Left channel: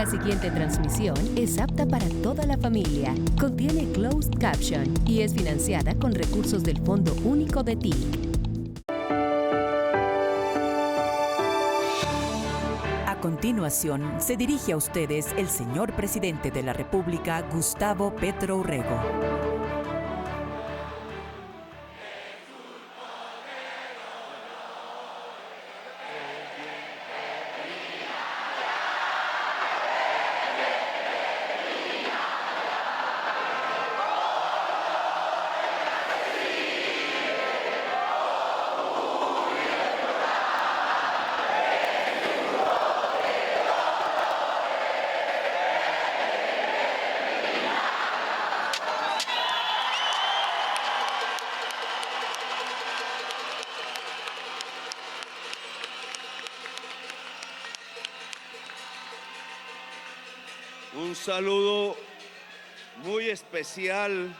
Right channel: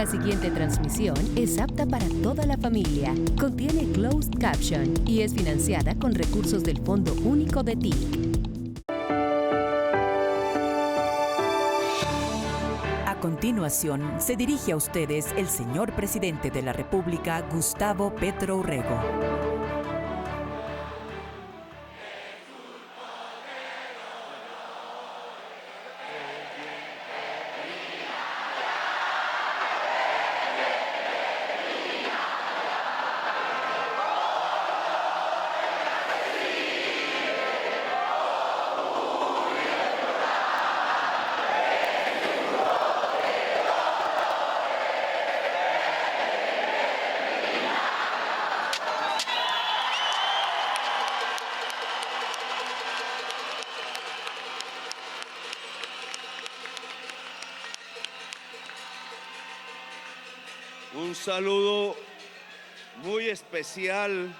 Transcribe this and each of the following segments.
La siguiente transmisión es apta para toda la familia, contiene closed caption y es financiada con recursos del Fondo Único de TIC. A continuación, se dirige a ustedes el señor presidente de la República, Gustavo Petro Urrego. Un saludo muy especial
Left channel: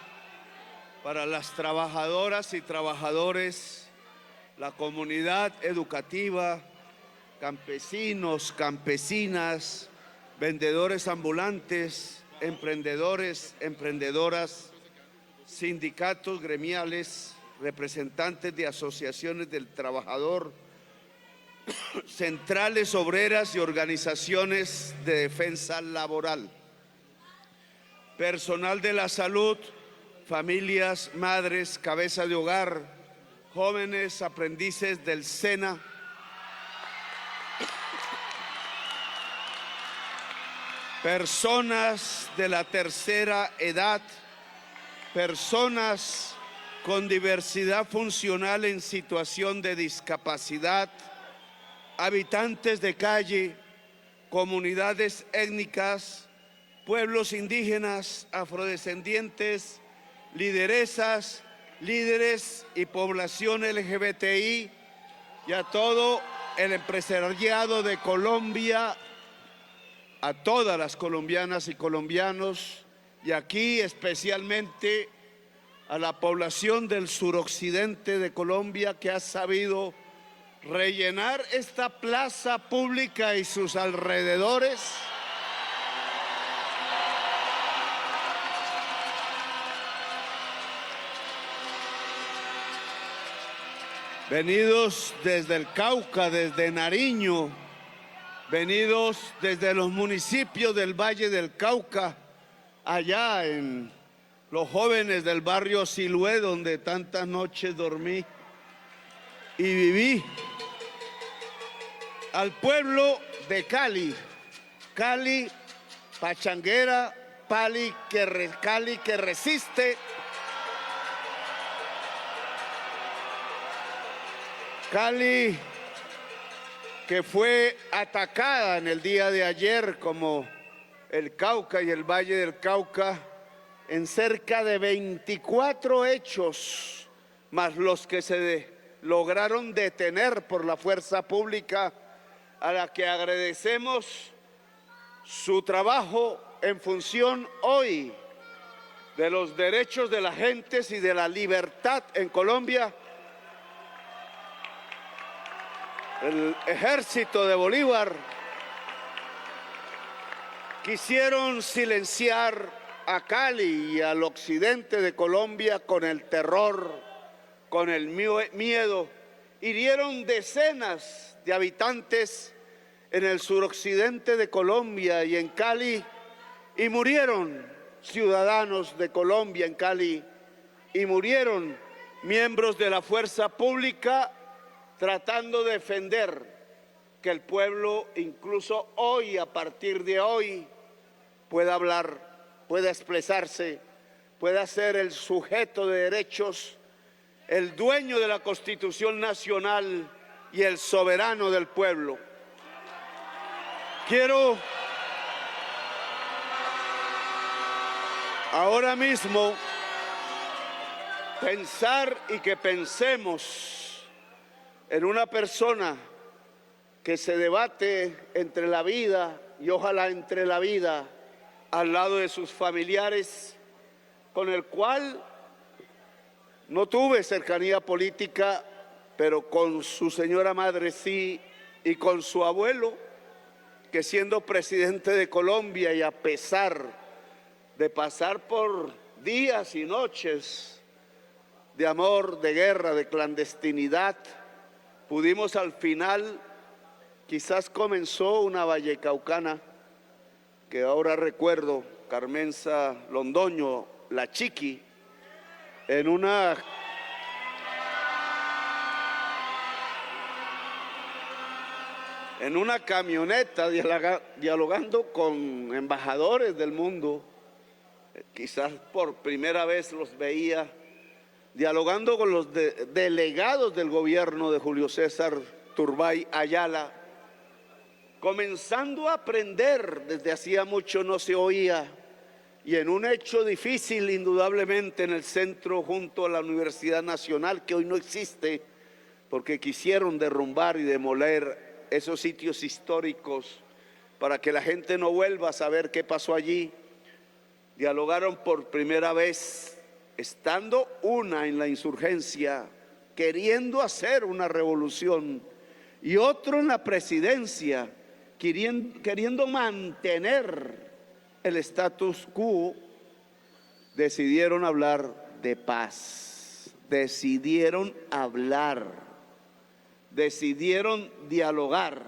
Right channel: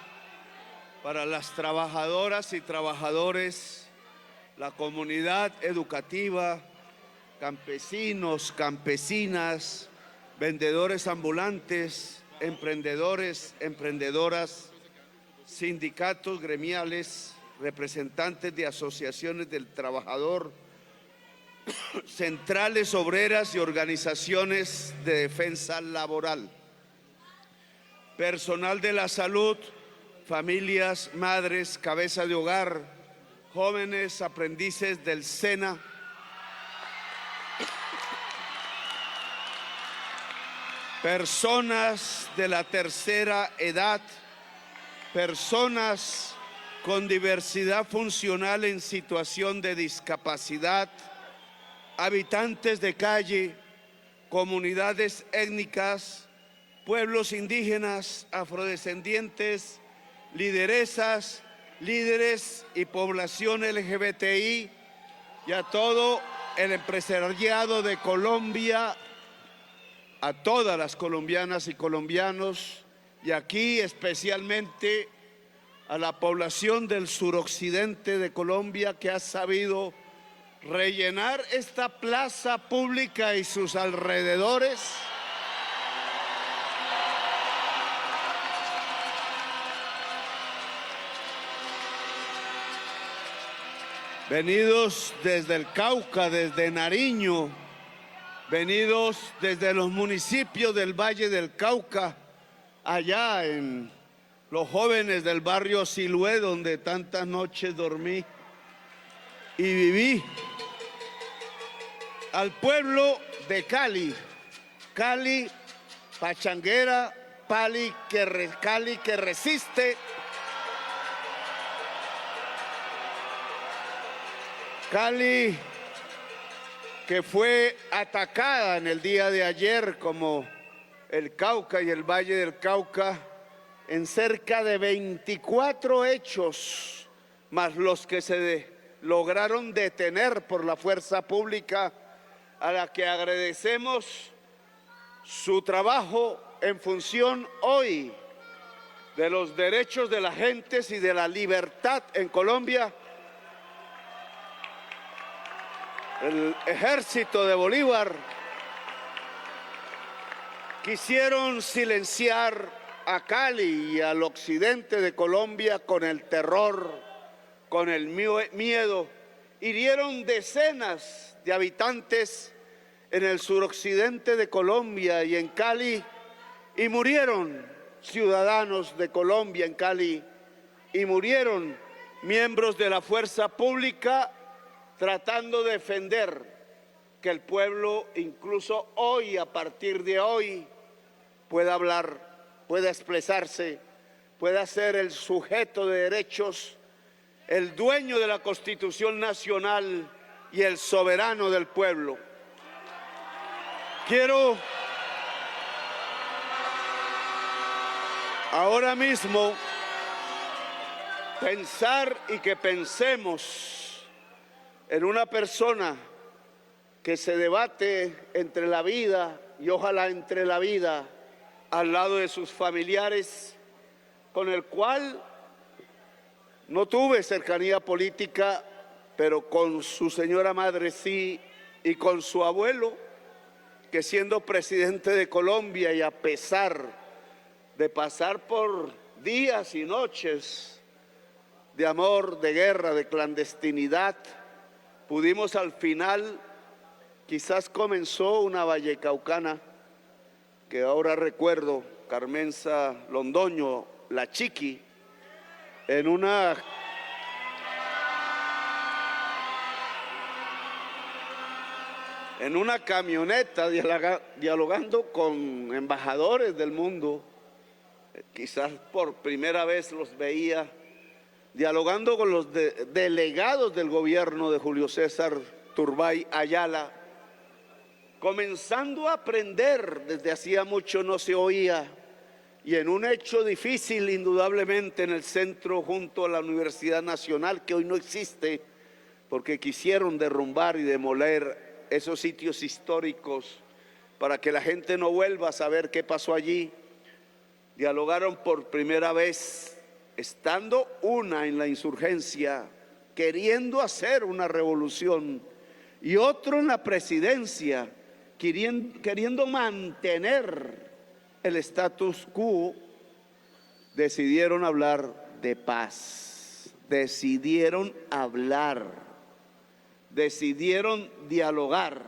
para las trabajadoras y trabajadores, la comunidad educativa, campesinos, campesinas, vendedores ambulantes, emprendedores, emprendedoras, sindicatos gremiales, representantes de asociaciones del trabajador, centrales obreras y organizaciones de defensa laboral, personal de la salud, familias, madres, cabeza de hogar, jóvenes aprendices del SENA, personas de la tercera edad, personas con diversidad funcional en situación de discapacidad, habitantes de calle, comunidades étnicas, pueblos indígenas, afrodescendientes, lideresas, líderes y población LGBTI y a todo el empresariado de Colombia, a todas las colombianas y colombianos y aquí especialmente a la población del suroccidente de Colombia que ha sabido rellenar esta plaza pública y sus alrededores venidos desde el Cauca, desde Nariño, venidos desde los municipios del Valle del Cauca, allá en los jóvenes del barrio Siloé, donde tantas noches dormí y viví, al pueblo de Cali, Cali pachanguera, Cali que resiste, Cali que fue atacada en el día de ayer como el Cauca y el Valle del Cauca en cerca de 24 hechos, más los que se lograron detener por la fuerza pública, a la que agradecemos su trabajo en función hoy de los derechos de las gentes y de la libertad en Colombia. El ejército de Bolívar quisieron silenciar a Cali y al occidente de Colombia con el terror, con el miedo. Hirieron decenas de habitantes en el suroccidente de Colombia y en Cali, y murieron ciudadanos de Colombia en Cali, y murieron miembros de la fuerza pública tratando de defender que el pueblo, incluso hoy, a partir de hoy, pueda hablar, pueda expresarse, pueda ser el sujeto de derechos, el dueño de la Constitución Nacional y el soberano del pueblo. Quiero ahora mismo pensar y que pensemos en una persona que se debate entre la vida y ojalá entre la vida al lado de sus familiares, con el cual no tuve cercanía política, pero con su señora madre sí, y con su abuelo, que siendo presidente de Colombia y a pesar de pasar por días y noches de amor, de guerra, de clandestinidad, pudimos al final, quizás comenzó una vallecaucana, que ahora recuerdo, Carmenza Londoño, la Chiqui, en una camioneta dialogando con embajadores del mundo, quizás por primera vez los veía, dialogando con los delegados del gobierno de Julio César Turbay Ayala, comenzando a aprender, desde hacía mucho no se oía, y en un hecho difícil indudablemente en el centro junto a la Universidad Nacional, que hoy no existe, porque quisieron derrumbar y demoler esos sitios históricos para que la gente no vuelva a saber qué pasó allí. Dialogaron por primera vez, estando una en la insurgencia, queriendo hacer una revolución, y otro en la presidencia, queriendo mantener el status quo. Decidieron hablar de paz, decidieron hablar, decidieron dialogar.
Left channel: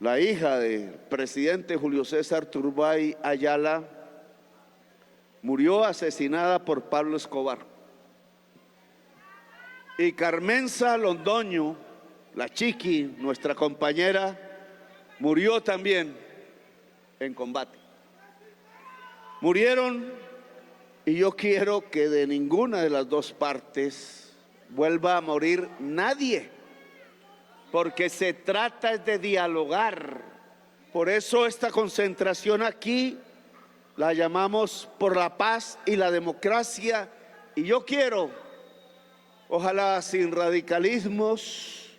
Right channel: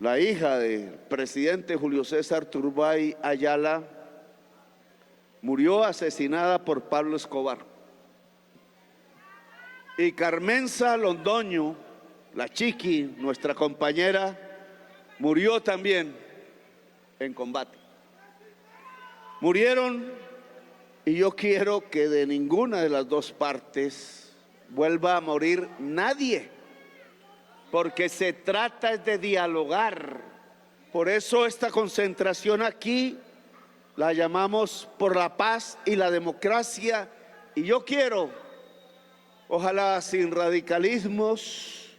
La hija del presidente Julio César Turbay Ayala murió asesinada por Pablo Escobar. Y Carmenza Londoño, la Chiqui, nuestra compañera, murió también en combate. Murieron, y yo quiero que de ninguna de las dos partes vuelva a morir nadie, porque se trata de dialogar. Por eso esta concentración aquí la llamamos por la paz y la democracia, y yo quiero, ojalá sin radicalismos,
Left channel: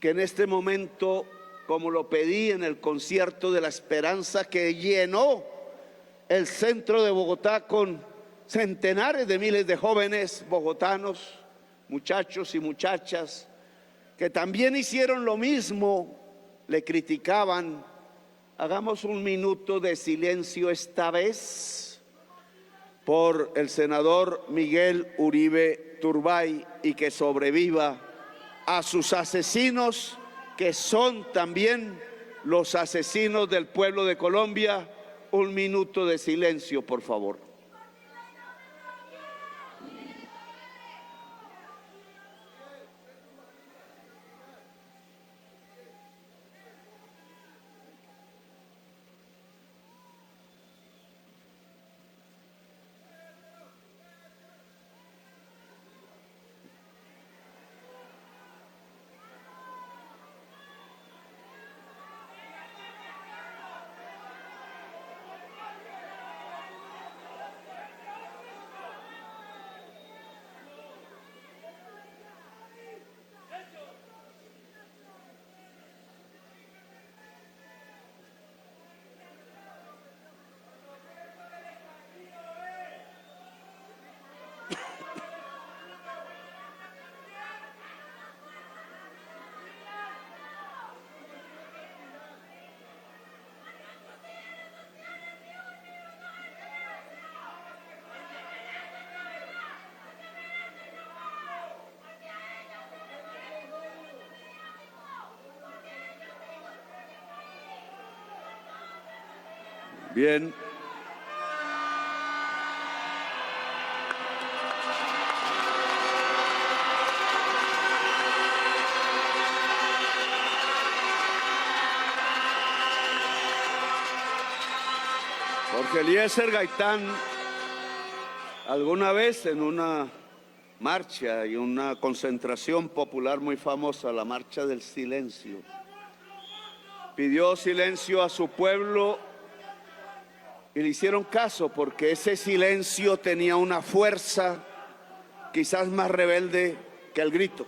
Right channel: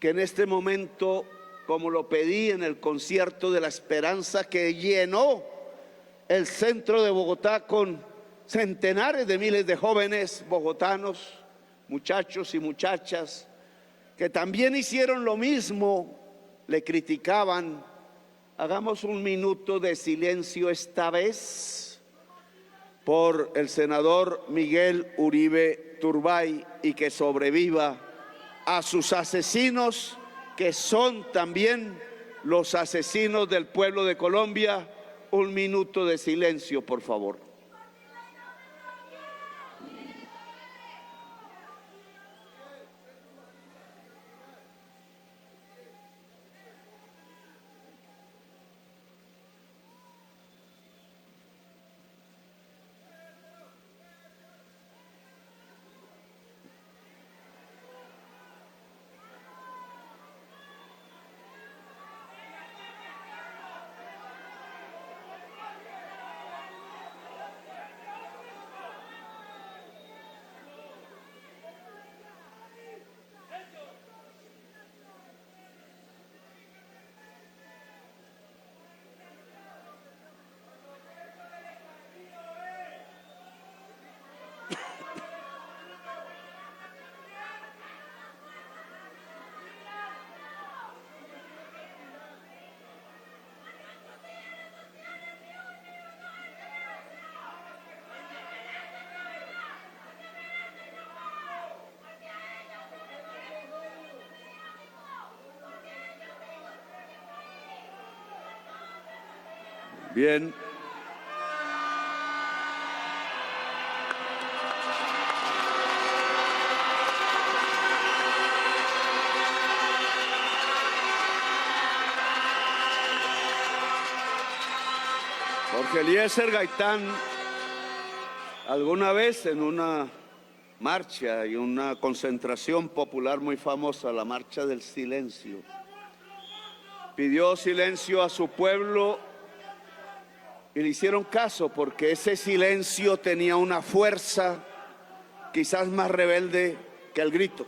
que en este momento, como lo pedí en el concierto de la esperanza que llenó el centro de Bogotá con centenares de miles de jóvenes bogotanos, muchachos y muchachas, que también hicieron lo mismo, le criticaban. Hagamos un minuto de silencio esta vez por el senador Miguel Uribe Turbay, y que sobreviva a sus asesinos, que son también los asesinos del pueblo de Colombia. Un minuto de silencio, por favor. Bien. Jorge Eliezer Gaitán, alguna vez en una marcha y una concentración popular muy famosa, la Marcha del Silencio, pidió silencio a su pueblo y le hicieron caso, porque ese silencio tenía una fuerza quizás más rebelde que el grito.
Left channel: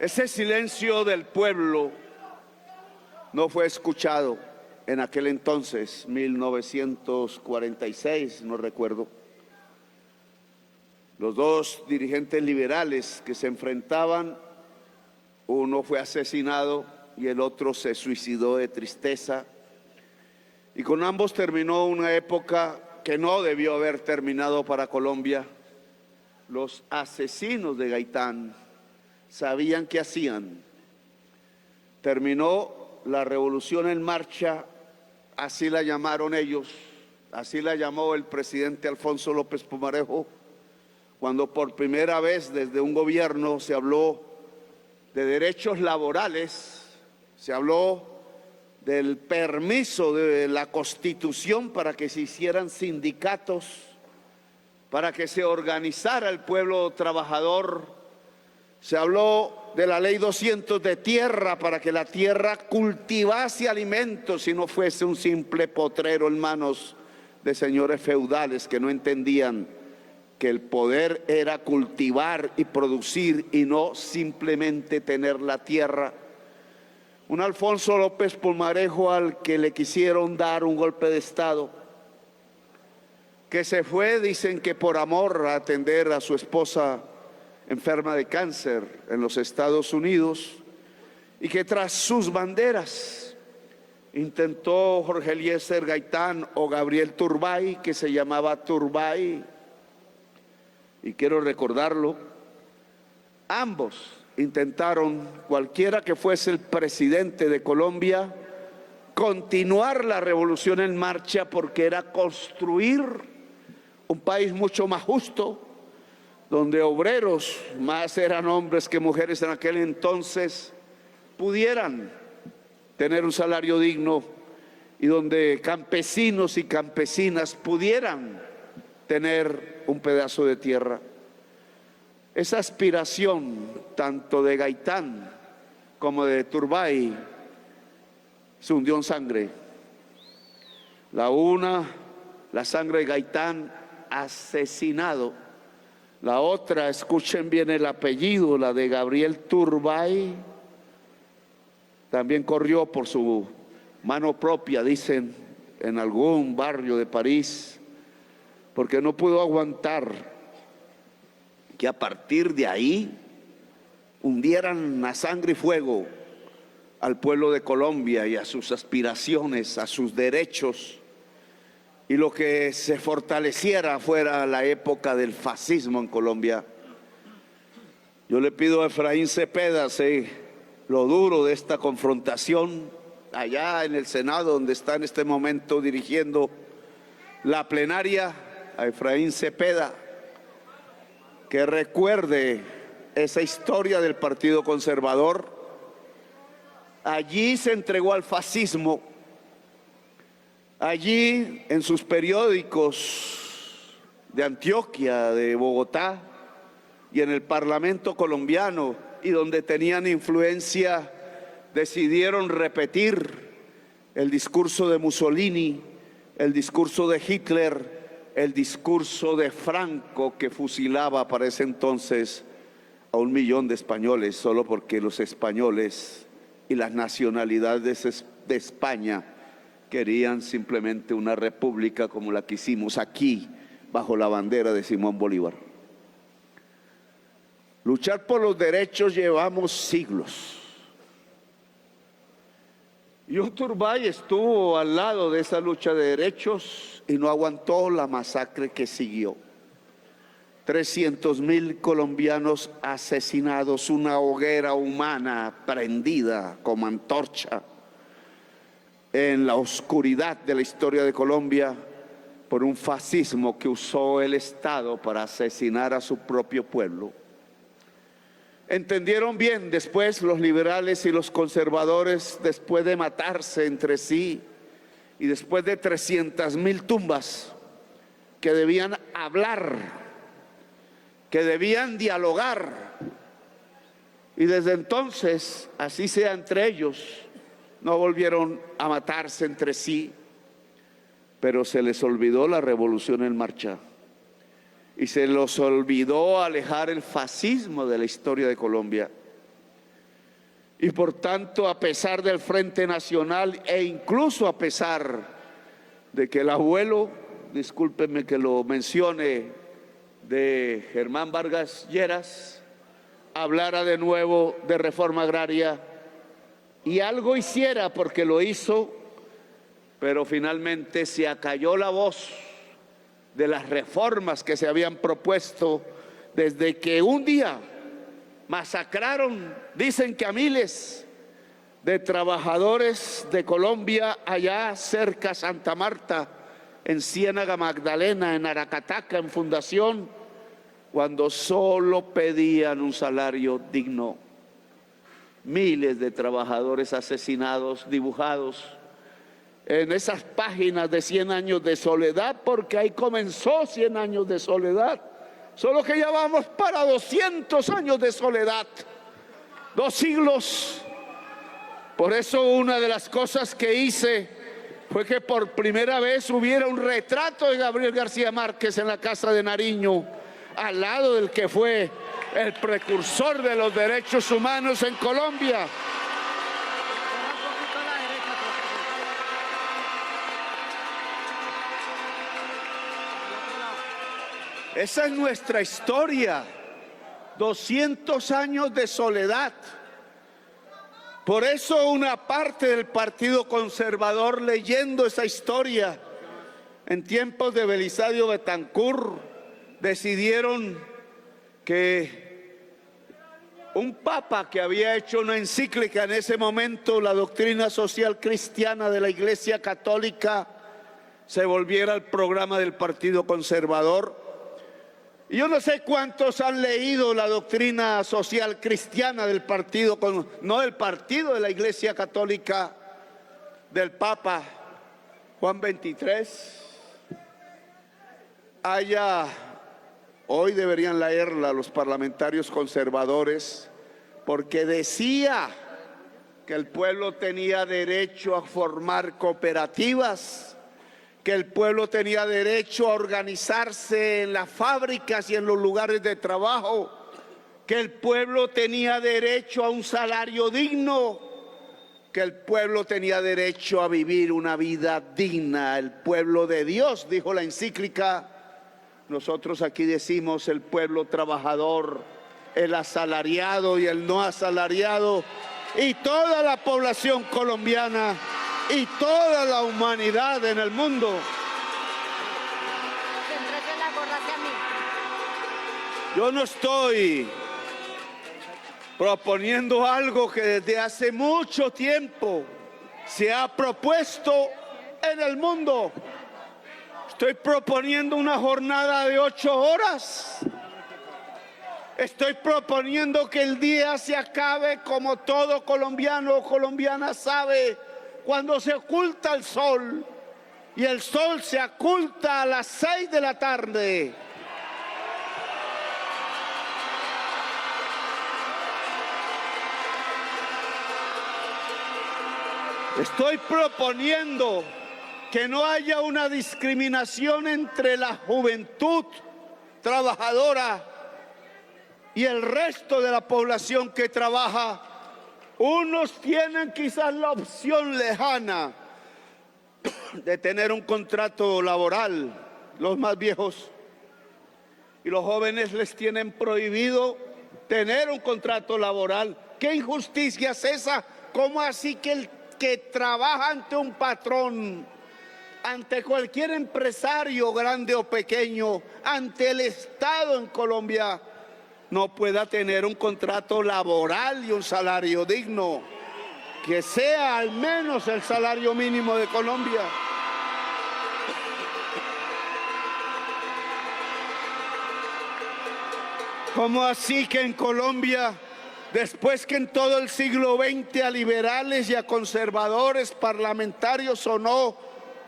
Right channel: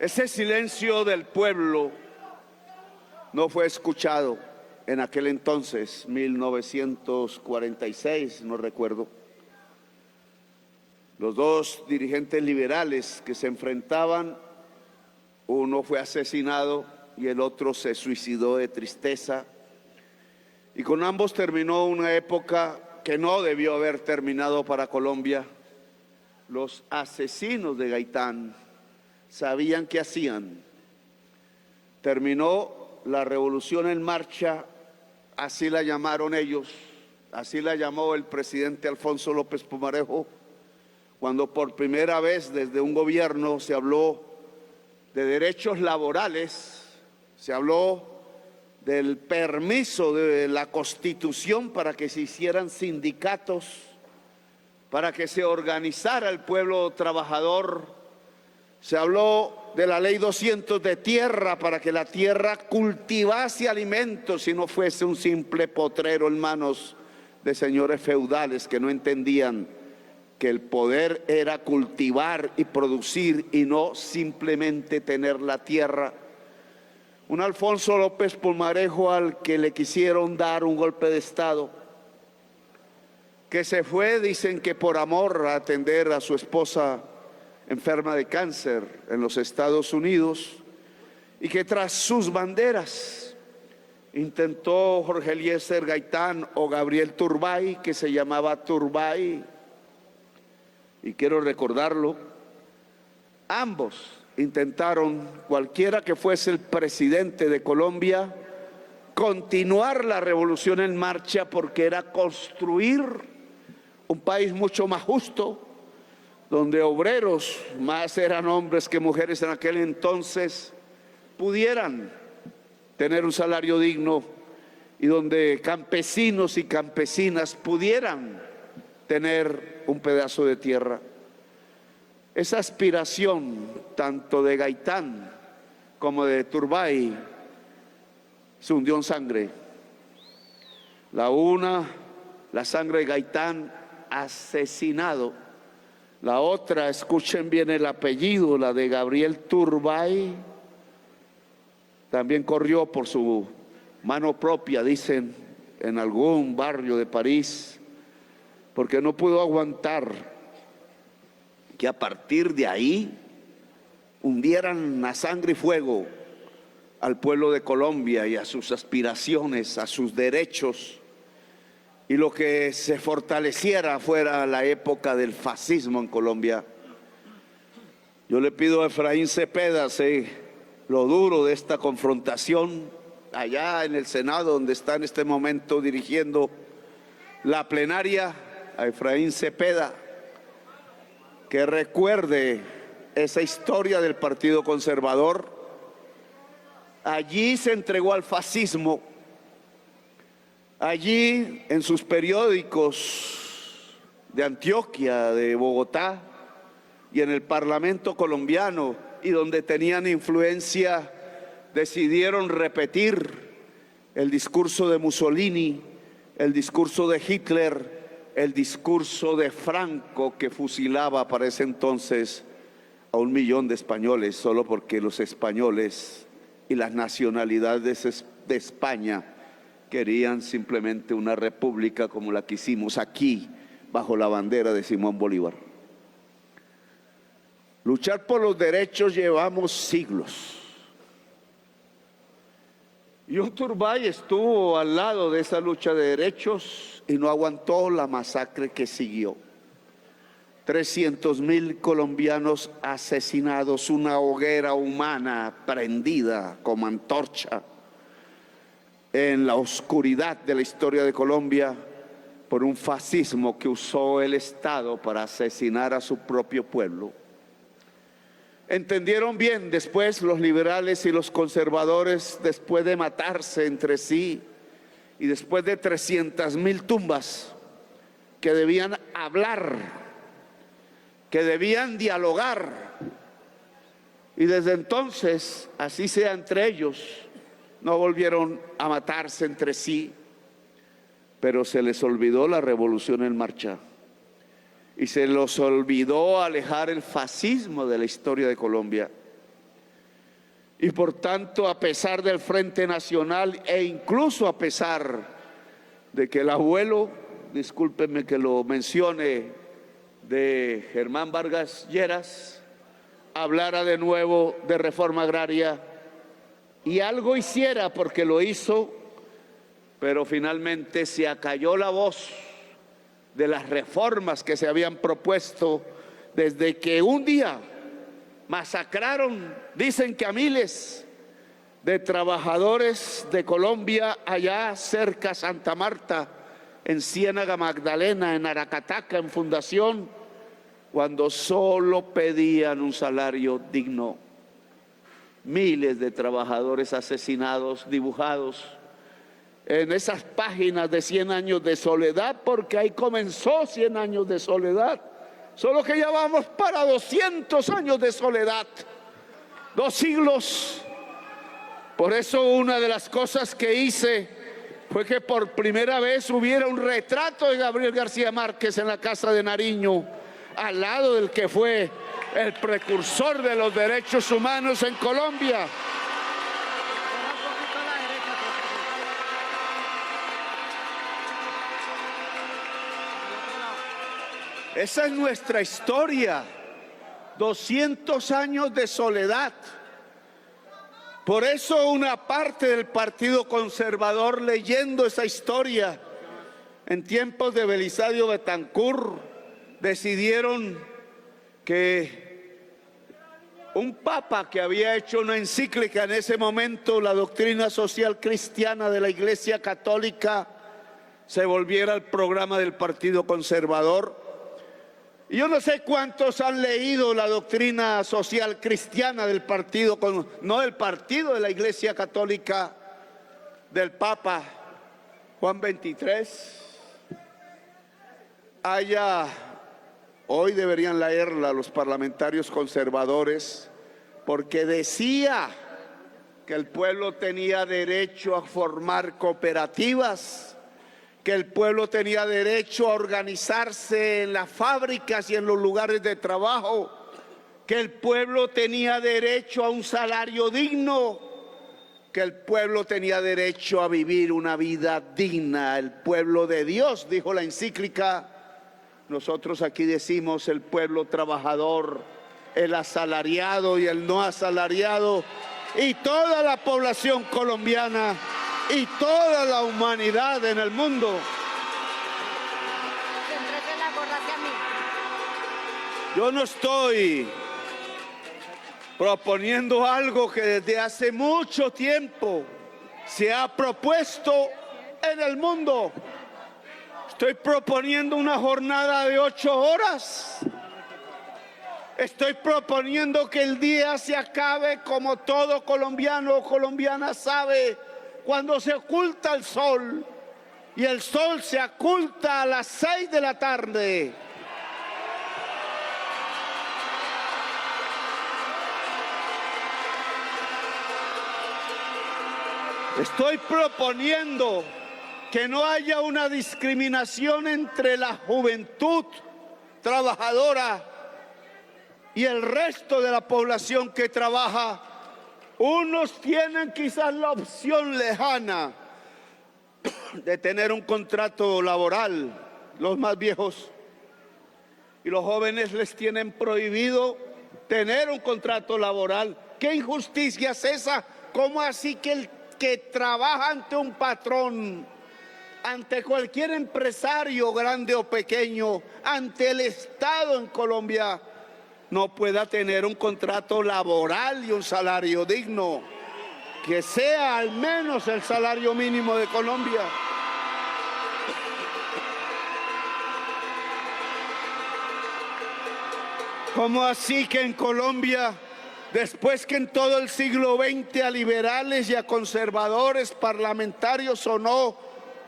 Ese silencio del pueblo no fue escuchado en aquel entonces, 1946, no recuerdo. Los dos dirigentes liberales que se enfrentaban, uno fue asesinado y el otro se suicidó de tristeza. Y con ambos terminó una época que no debió haber terminado para Colombia. Los asesinos de Gaitán sabían qué hacían. Terminó la revolución en marcha, así la llamaron ellos, así la llamó el presidente Alfonso López Pumarejo, cuando por primera vez desde un gobierno se habló de derechos laborales, se habló del permiso de la Constitución para que se hicieran sindicatos, para que se organizara el pueblo trabajador. Se habló de la ley 200 de tierra para que la tierra cultivase alimentos y no fuese un simple potrero en manos de señores feudales que no entendían que el poder era cultivar y producir y no simplemente tener la tierra. Un Alfonso López Pumarejo al que le quisieron dar un golpe de Estado, que se fue, dicen que por amor, a atender a su esposa enferma de cáncer en los Estados Unidos, y que tras sus banderas intentó Jorge Eliezer Gaitán o Gabriel Turbay, que se llamaba Turbay, y quiero recordarlo, ambos intentaron, cualquiera que fuese el presidente de Colombia, continuar la revolución en marcha, porque era construir un país mucho más justo, donde obreros, más eran hombres que mujeres en aquel entonces, pudieran tener un salario digno y donde campesinos y campesinas pudieran tener un pedazo de tierra. Esa aspiración tanto de Gaitán como de Turbay se hundió en sangre. La una, la sangre de Gaitán asesinado. La otra, escuchen bien el apellido, la de Gabriel Turbay, también corrió por su mano propia, dicen, en algún barrio de París, porque no pudo aguantar que a partir de ahí hundieran a sangre y fuego al pueblo de Colombia y a sus aspiraciones, a sus derechos, y lo que se fortaleciera fuera la época del fascismo en Colombia. Yo le pido a Efraín Cepeda, sé lo duro de esta confrontación allá en el Senado, donde está en este momento dirigiendo la plenaria, a Efraín Cepeda, que recuerde esa historia del Partido Conservador. Allí se entregó al fascismo, allí en sus periódicos de Antioquia, de Bogotá y en el Parlamento colombiano, y donde tenían influencia, decidieron repetir el discurso de Mussolini, el discurso de Hitler, el discurso de Franco, que fusilaba para ese entonces a 1 millón de españoles, solo porque los españoles y las nacionalidades de España querían simplemente una república como la que hicimos aquí, bajo la bandera de Simón Bolívar. Luchar por los derechos llevamos siglos. Y Turbay estuvo al lado de esa lucha de derechos y no aguantó la masacre que siguió. 300.000 colombianos asesinados, una hoguera humana prendida como antorcha en la oscuridad de la historia de Colombia por un fascismo que usó el Estado para asesinar a su propio pueblo. Entendieron bien después los liberales y los conservadores, después de matarse entre sí y después de 300.000 tumbas, que debían hablar, que debían dialogar. Y desde entonces, así sea entre ellos, no volvieron a matarse entre sí, pero se les olvidó la revolución en marcha. Y se les olvidó alejar el fascismo de la historia de Colombia. Y por tanto, a pesar del Frente Nacional e incluso a pesar de que el abuelo, discúlpenme que lo mencione, de Germán Vargas Lleras, hablara de nuevo de reforma agraria, y algo hiciera, porque lo hizo, pero finalmente se acalló la voz de las reformas que se habían propuesto desde que un día masacraron, dicen que a miles de trabajadores de Colombia allá cerca Santa Marta, en Ciénaga Magdalena, en Aracataca, en Fundación, cuando solo pedían un salario digno. Miles de trabajadores asesinados, dibujados en esas páginas de 100 años de soledad, porque ahí comenzó 100 años de soledad, solo que ya vamos para 200 años de soledad, 2 siglos. Por eso una de las cosas que hice fue que por primera vez hubiera un retrato de Gabriel García Márquez en la Casa de Nariño, al lado del que fue el precursor de los derechos humanos en Colombia. Esa es nuestra historia, 200 años de soledad. Por eso una parte del Partido Conservador, leyendo esa historia en tiempos de Belisario Betancur, decidieron que un papa que había hecho una encíclica en ese momento, la doctrina social cristiana de la Iglesia Católica, se volviera el programa del Partido Conservador. Y yo no sé cuántos han leído la doctrina social cristiana del partido, no del partido de la Iglesia Católica, del Papa Juan XXIII. Hoy deberían leerla los parlamentarios conservadores, porque decía que el pueblo tenía derecho a formar cooperativas, que el pueblo tenía derecho a organizarse en las fábricas y en los lugares de trabajo, que el pueblo tenía derecho a un salario digno, que el pueblo tenía derecho a vivir una vida digna. El pueblo de Dios, dijo la encíclica. Nosotros aquí decimos el pueblo trabajador, el asalariado y el no asalariado, y toda la población colombiana y toda la humanidad en el mundo. Yo no estoy proponiendo algo que desde hace mucho tiempo se ha propuesto en el mundo. Estoy proponiendo una jornada de 8 horas. Estoy proponiendo que el día se acabe como todo colombiano o colombiana sabe, cuando se oculta el sol, y el sol se oculta a las 6 de la tarde. Estoy proponiendo que no haya una discriminación entre la juventud trabajadora y el resto de la población que trabaja. Unos tienen quizás la opción lejana de tener un contrato laboral, los más viejos, y los jóvenes les tienen prohibido tener un contrato laboral. ¿Qué injusticia es esa? ¿Cómo así que el que trabaja ante un patrón, ante cualquier empresario grande o pequeño, ante el Estado en Colombia, no pueda tener un contrato laboral y un salario digno, que sea al menos el salario mínimo de Colombia? ¿Cómo así que en Colombia, después que en todo el siglo XX a liberales y a conservadores, parlamentarios o no,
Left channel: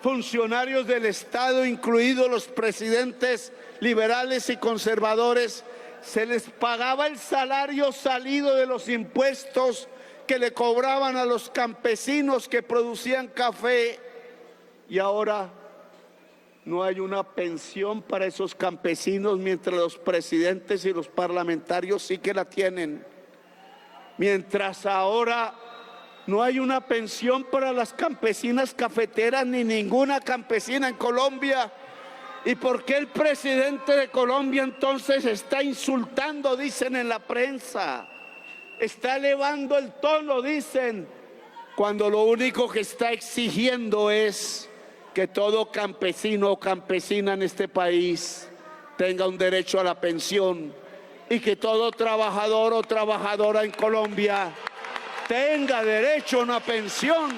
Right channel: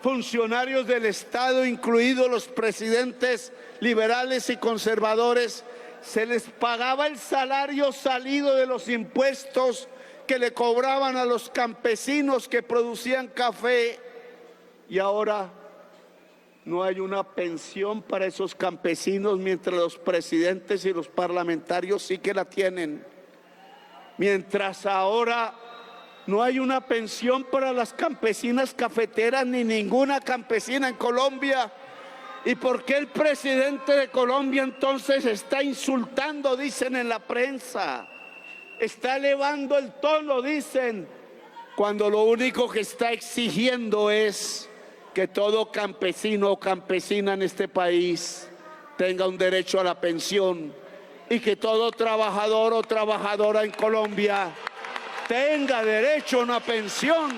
funcionarios del Estado, incluidos los presidentes liberales y conservadores, se les pagaba el salario salido de los impuestos que le cobraban a los campesinos que producían café, y ahora no hay una pensión para esos campesinos, mientras los presidentes y los parlamentarios sí que la tienen? Mientras ahora no hay una pensión para las campesinas cafeteras ni ninguna campesina en Colombia. ¿Y por qué el presidente de Colombia entonces está insultando, dicen en la prensa? Está elevando el tono, dicen, cuando lo único que está exigiendo es que todo campesino o campesina en este país tenga un derecho a la pensión y que todo trabajador o trabajadora en Colombia tenga derecho a una pensión.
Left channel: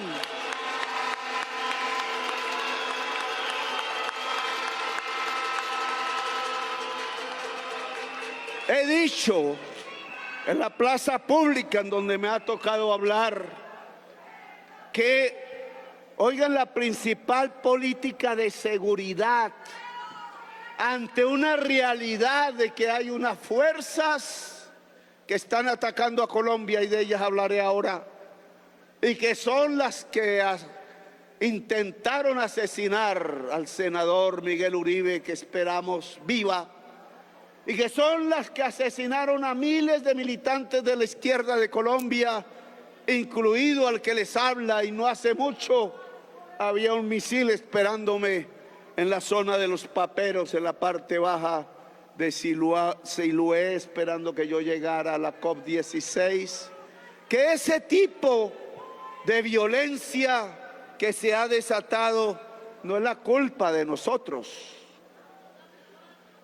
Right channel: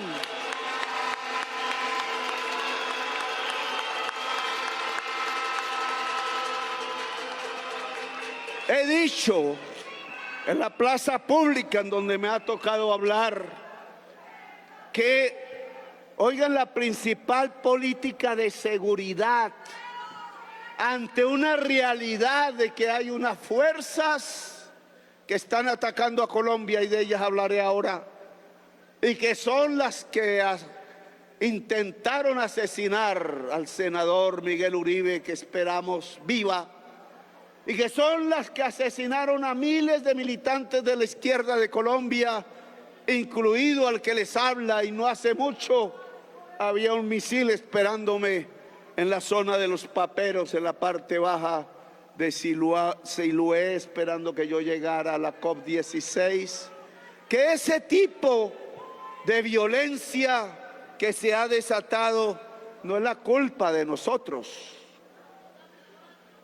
He dicho en la plaza pública en donde me ha tocado hablar que, oigan, la principal política de seguridad ante una realidad de que hay unas fuerzas que están atacando a Colombia, y de ellas hablaré ahora, y que son las que intentaron asesinar al senador Miguel Uribe, que esperamos viva, y que son las que asesinaron a miles de militantes de la izquierda de Colombia, incluido al que les habla, y no hace mucho había un misil esperándome en la zona de los Paperos, en la parte baja de Siloé, esperando que yo llegara a la COP16, que ese tipo de violencia que se ha desatado no es la culpa de nosotros.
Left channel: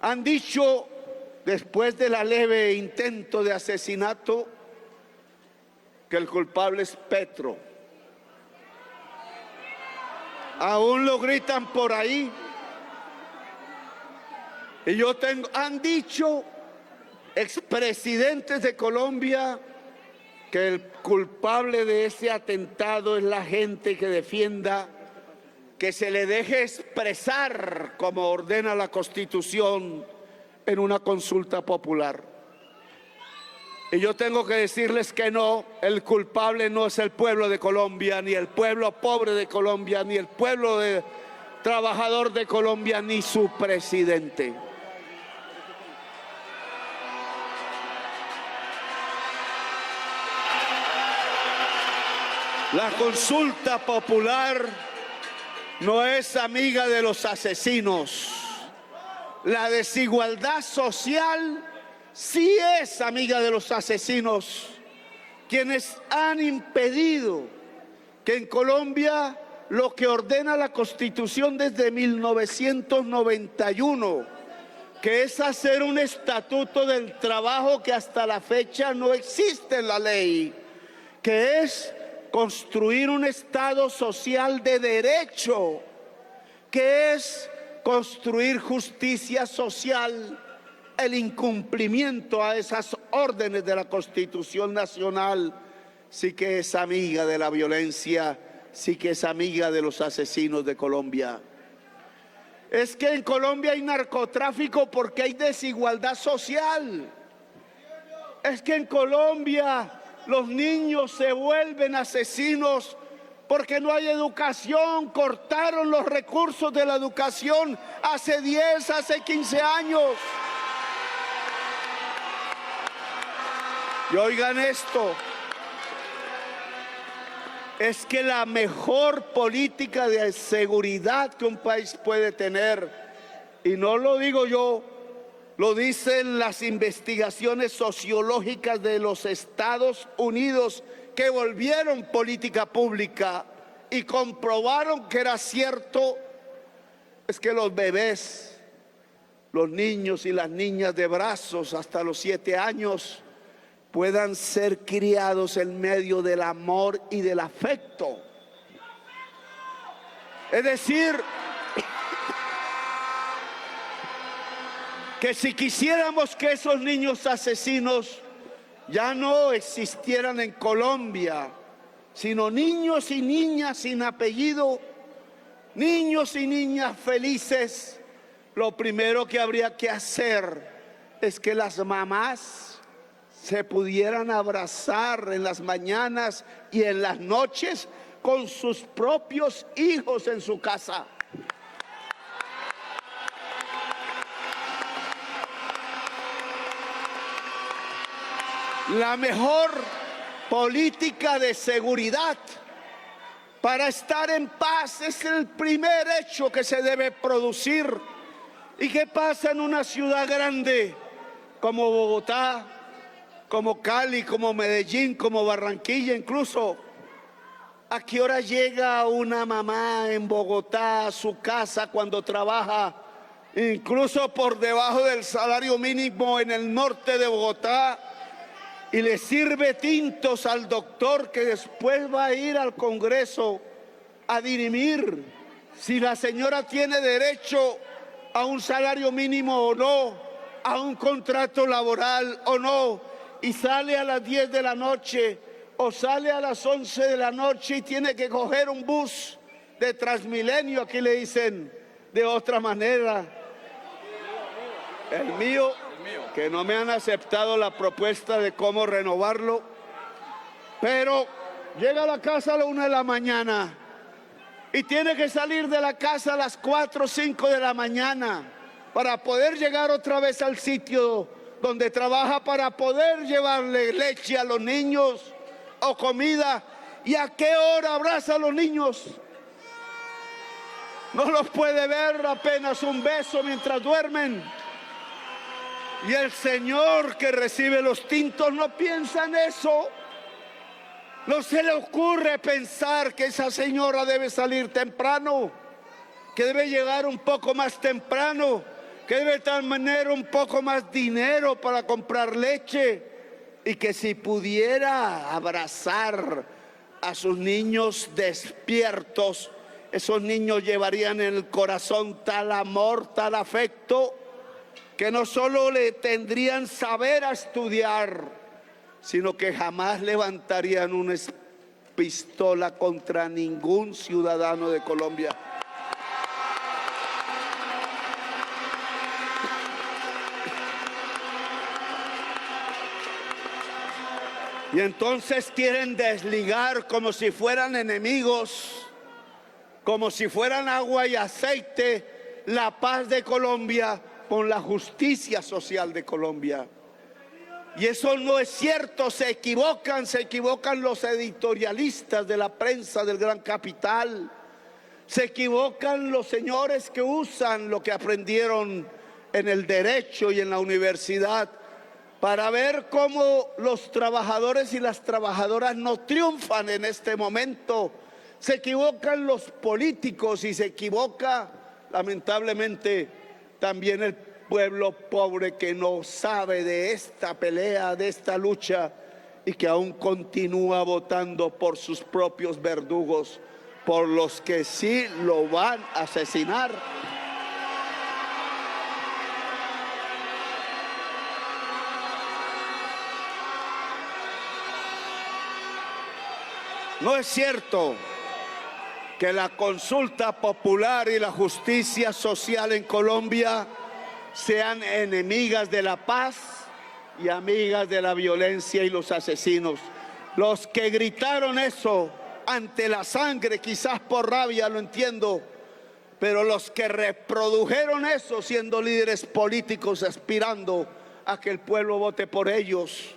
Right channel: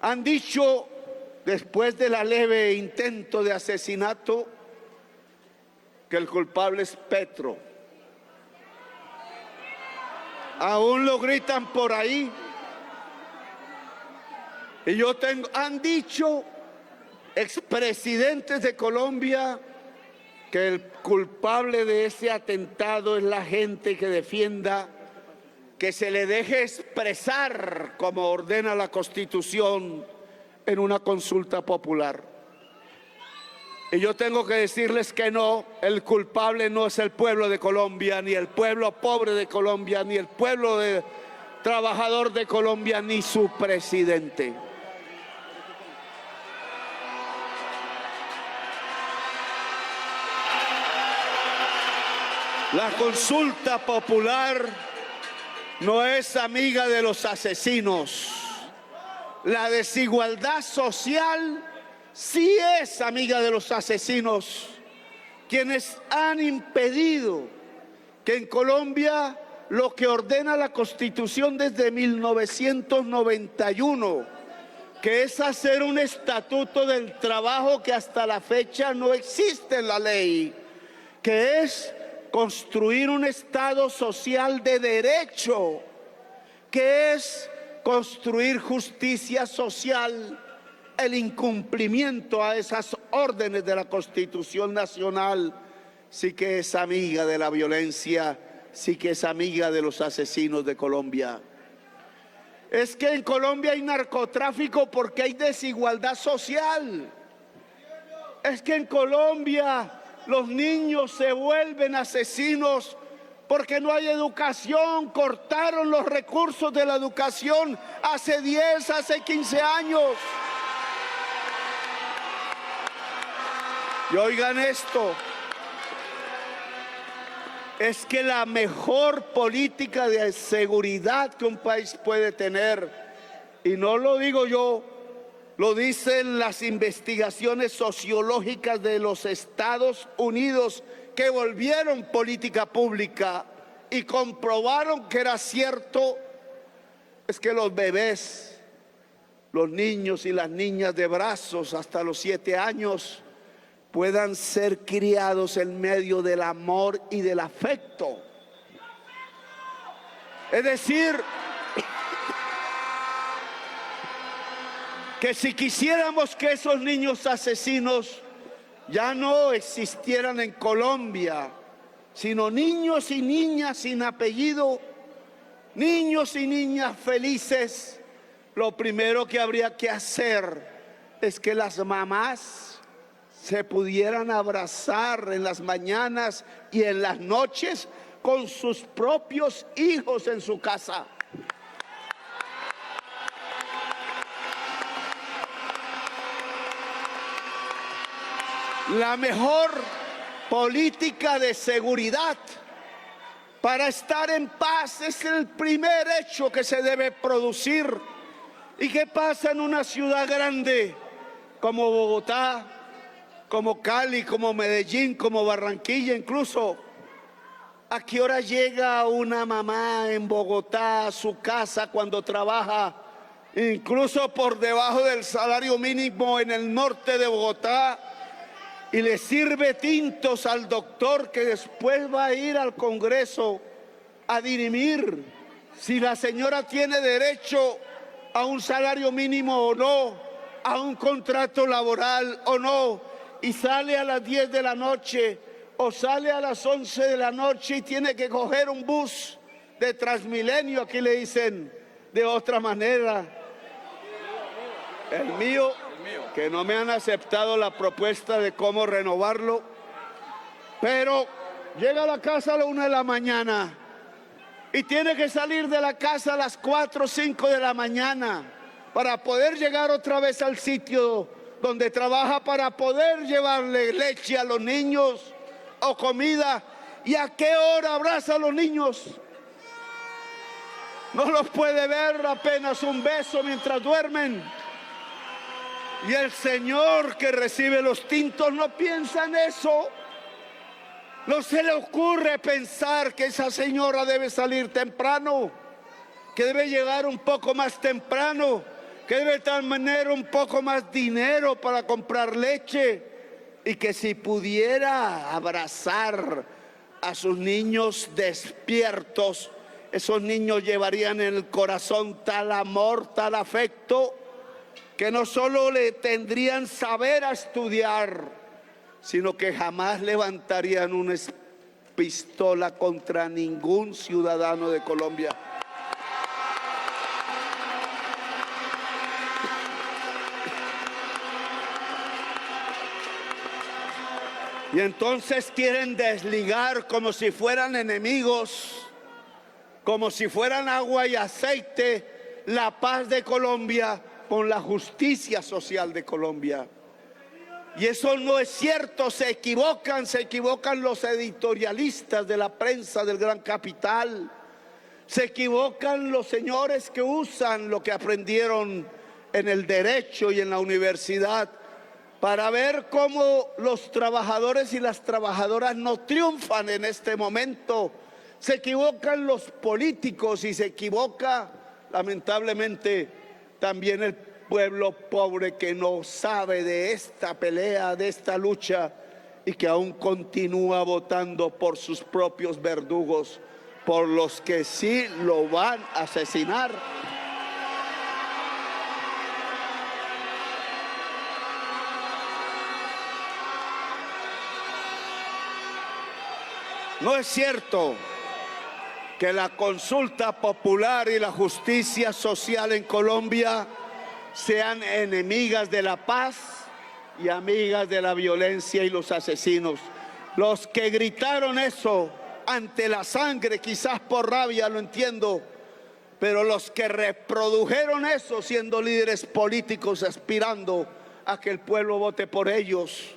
Han dicho, después de la leve intento de asesinato, que el culpable es Petro. Aún lo gritan por ahí. Y han dicho expresidentes de Colombia que el culpable de ese atentado es la gente que defienda que se le deje expresar como ordena la Constitución en una consulta popular. Y yo tengo que decirles que no, el culpable no es el pueblo de Colombia, ni el pueblo pobre de Colombia, ni el pueblo trabajador de Colombia, ni su presidente. La consulta popular no es amiga de los asesinos. La desigualdad social sí es amiga de los asesinos, quienes han impedido que en Colombia lo que ordena la Constitución desde 1991, que es hacer un estatuto del trabajo que hasta la fecha no existe en la ley, que es construir un Estado social de derecho, que es construir justicia social. El incumplimiento a esas órdenes de la Constitución Nacional sí que es amiga de la violencia, sí que es amiga de los asesinos de Colombia. Es que en Colombia hay narcotráfico porque hay desigualdad social. Es que en Colombia los niños se vuelven asesinos porque no hay educación. Cortaron los recursos de la educación hace 10, hace 15 años. Y oigan esto, es que la mejor política de seguridad que un país puede tener, y no lo digo yo, lo dicen las investigaciones sociológicas de los Estados Unidos, que volvieron política pública y comprobaron que era cierto, es que los bebés, los niños y las niñas de brazos hasta los 7 años puedan ser criados en medio del amor y del afecto. Es decir, que si quisiéramos que esos niños asesinos ya no existieran en Colombia, sino niños y niñas sin apellido, niños y niñas felices, lo primero que habría que hacer es que las mamás se pudieran abrazar en las mañanas y en las noches con sus propios hijos en su casa. La mejor política de seguridad para estar en paz es el primer hecho que se debe producir. ¿Y qué pasa en una ciudad grande como Bogotá, como Cali, como Medellín, como Barranquilla incluso? ¿A qué hora llega una mamá en Bogotá a su casa cuando trabaja incluso por debajo del salario mínimo en el norte de Bogotá y le sirve tintos al doctor que después va a ir al Congreso a dirimir si la señora tiene derecho a un salario mínimo o no, a un contrato laboral o no, y sale a las 10 de la noche o sale a las 11 de la noche y tiene que coger un bus de Transmilenio, aquí le dicen de otra manera? El mío, que no me han aceptado la propuesta de cómo renovarlo, pero llega a la casa a la 1 de la mañana y tiene que salir de la casa a las 4 o 5 de la mañana para poder llegar otra vez al sitio donde trabaja, para poder llevarle leche a los niños o comida. ¿Y a qué hora abraza a los niños? No los puede ver, apenas un beso mientras duermen. Y el señor que recibe los tintos no piensa en eso. No se le ocurre pensar que esa señora debe salir temprano, que debe llegar un poco más temprano, que debe tener un poco más dinero para comprar leche, y que si pudiera abrazar a sus niños despiertos, esos niños llevarían en el corazón tal amor, tal afecto, que no solo le tendrían saber a estudiar, sino que jamás levantarían una pistola contra ningún ciudadano de Colombia. Y entonces quieren desligar como si fueran enemigos, como si fueran agua y aceite, la paz de Colombia con la justicia social de Colombia. Y eso no es cierto, se equivocan los editorialistas de la prensa del gran capital, se equivocan los señores que usan lo que aprendieron en el derecho y en la universidad para ver cómo los trabajadores y las trabajadoras no triunfan en este momento. Se equivocan los políticos y se equivoca, lamentablemente, también el pueblo pobre que no sabe de esta pelea, de esta lucha, y que aún continúa votando por sus propios verdugos, por los que sí lo van a asesinar. No es cierto que la consulta popular y la justicia social en Colombia sean enemigas de la paz y amigas de la violencia y los asesinos. Los que gritaron eso ante la sangre, quizás por rabia, lo entiendo, pero los que reprodujeron eso siendo líderes políticos aspirando a que el pueblo vote por ellos,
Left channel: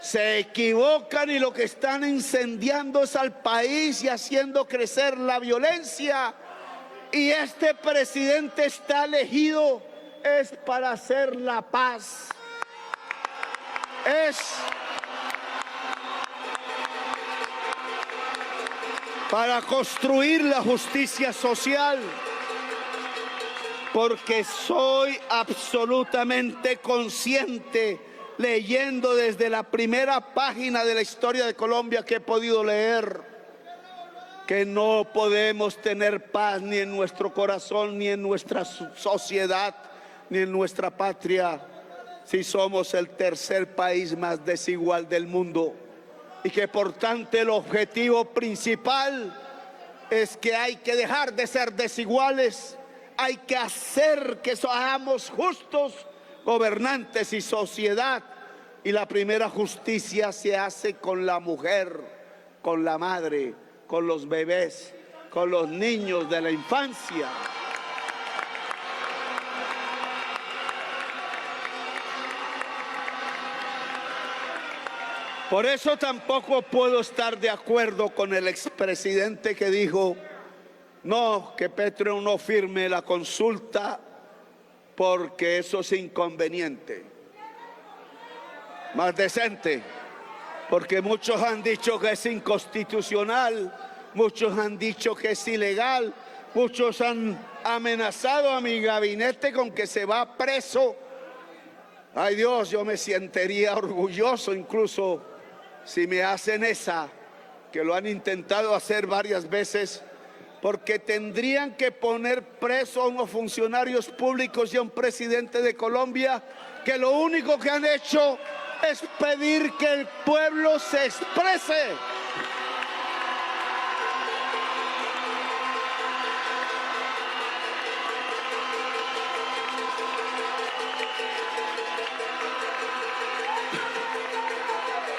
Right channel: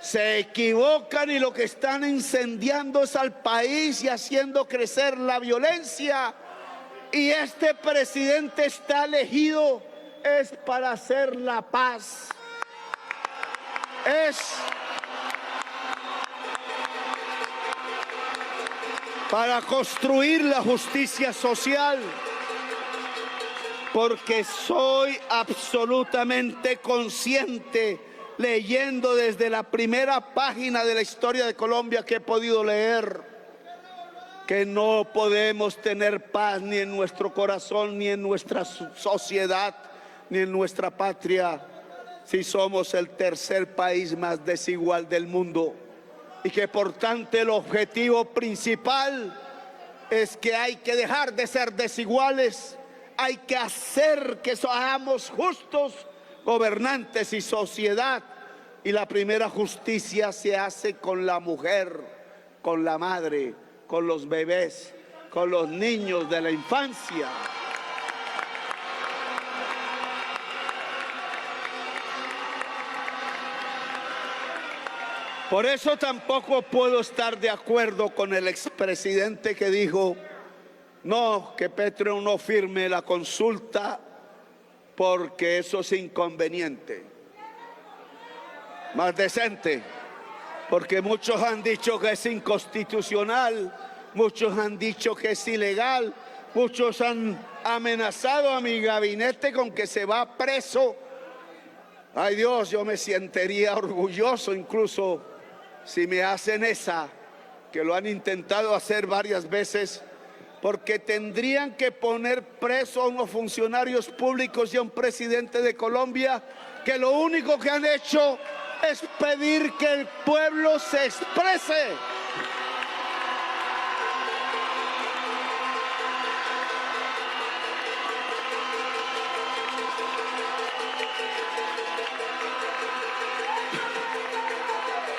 se equivocan, y lo que están incendiando es al país y haciendo crecer la violencia. Y este presidente está elegido es para hacer la paz, es para construir la justicia social, porque soy absolutamente consciente, leyendo desde la primera página de la historia de Colombia que he podido leer, que no podemos tener paz ni en nuestro corazón, ni en nuestra sociedad, ni en nuestra patria, si somos el tercer país más desigual del mundo, y que por tanto el objetivo principal es que hay que dejar de ser desiguales, hay que hacer que seamos justos gobernantes y sociedad, y la primera justicia se hace con la mujer, con la madre, con los bebés, con los niños de la infancia. Por eso tampoco puedo estar de acuerdo con el expresidente que dijo no, que Petro no firme la consulta porque eso es inconveniente. Más decente, porque muchos han dicho que es inconstitucional, muchos han dicho que es ilegal, muchos han amenazado a mi gabinete con que se va preso. Ay Dios, yo me sentiría orgulloso incluso si me hacen esa, que lo han intentado hacer varias veces, porque tendrían que poner preso a unos funcionarios públicos y a un presidente de Colombia que lo único que han hecho es pedir que el pueblo se exprese.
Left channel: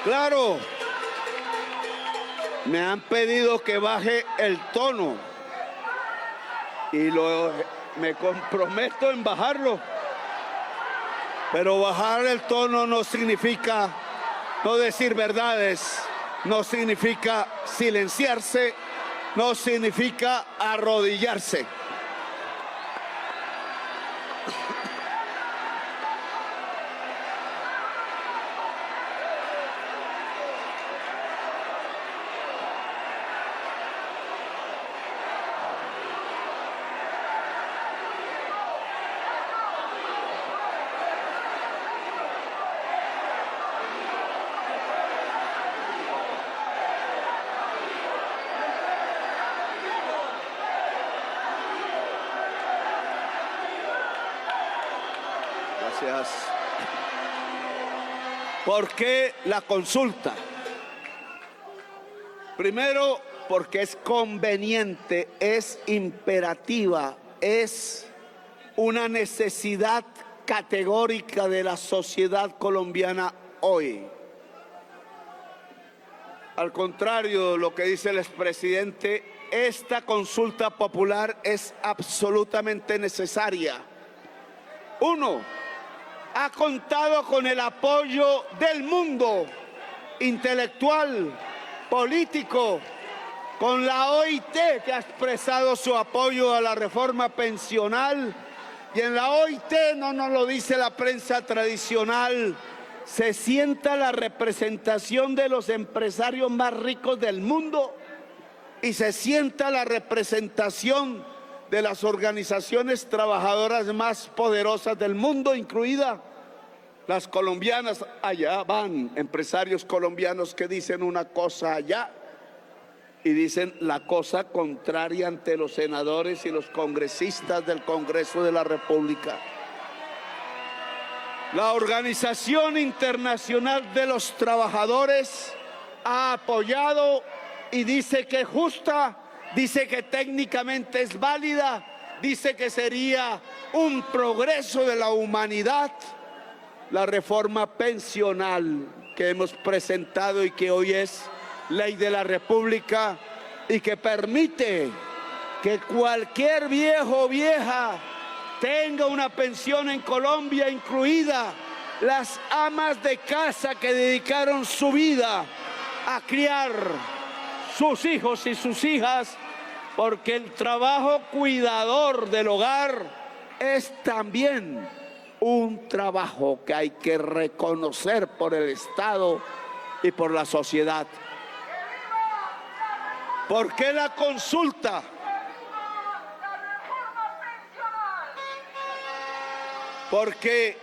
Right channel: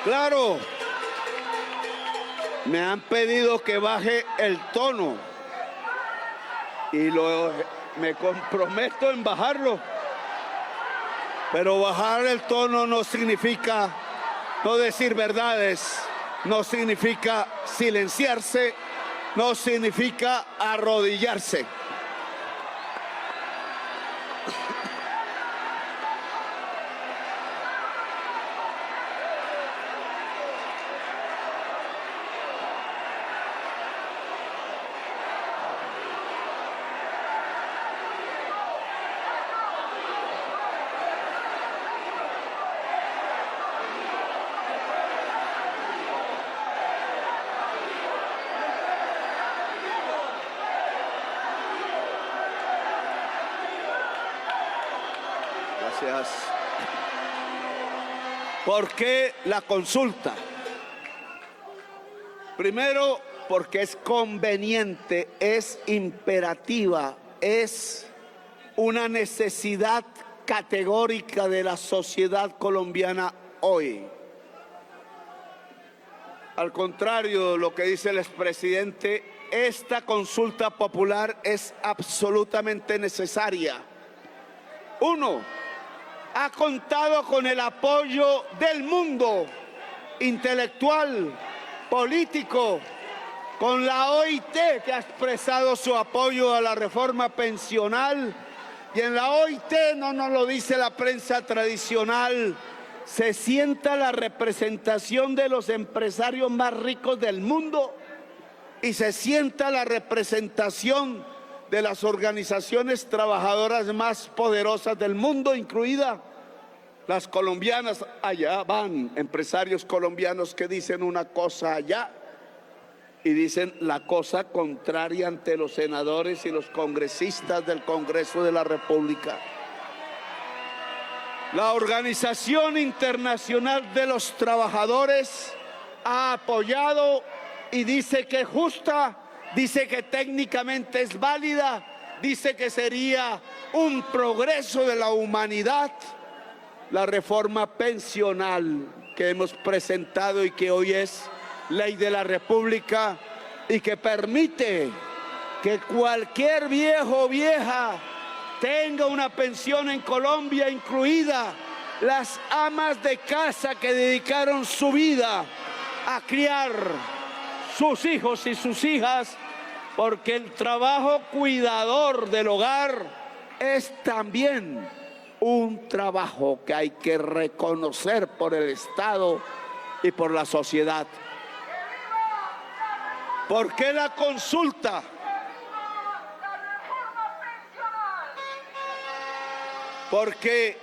Claro, me han pedido que baje el tono y me comprometo en bajarlo, pero bajar el tono no significa no decir verdades, no significa silenciarse, no significa arrodillarse. Gracias. ¿Por qué la consulta? Primero, porque es conveniente, es imperativa, es una necesidad categórica de la sociedad colombiana hoy. Al contrario de lo que dice el expresidente, esta consulta popular es absolutamente necesaria. Uno, ha contado con el apoyo del mundo intelectual, político, con la OIT, que ha expresado su apoyo a la reforma pensional, y en la OIT, no nos lo dice la prensa tradicional, se sienta la representación de los empresarios más ricos del mundo y se sienta la representación de las organizaciones trabajadoras más poderosas del mundo, incluidas las colombianas. Allá van empresarios colombianos que dicen una cosa allá y dicen la cosa contraria ante los senadores y los congresistas del Congreso de la República. La Organización Internacional de los Trabajadores ha apoyado y dice que es justa, dice que técnicamente es válida, dice que sería un progreso de la humanidad la reforma pensional que hemos presentado y que hoy es ley de la República y que permite que cualquier viejo o vieja tenga una pensión en Colombia, incluida las amas de casa que dedicaron su vida a criar sus hijos y sus hijas, porque el trabajo cuidador del hogar es también un trabajo que hay que reconocer por el Estado y por la sociedad. ¿Por qué la consulta? Porque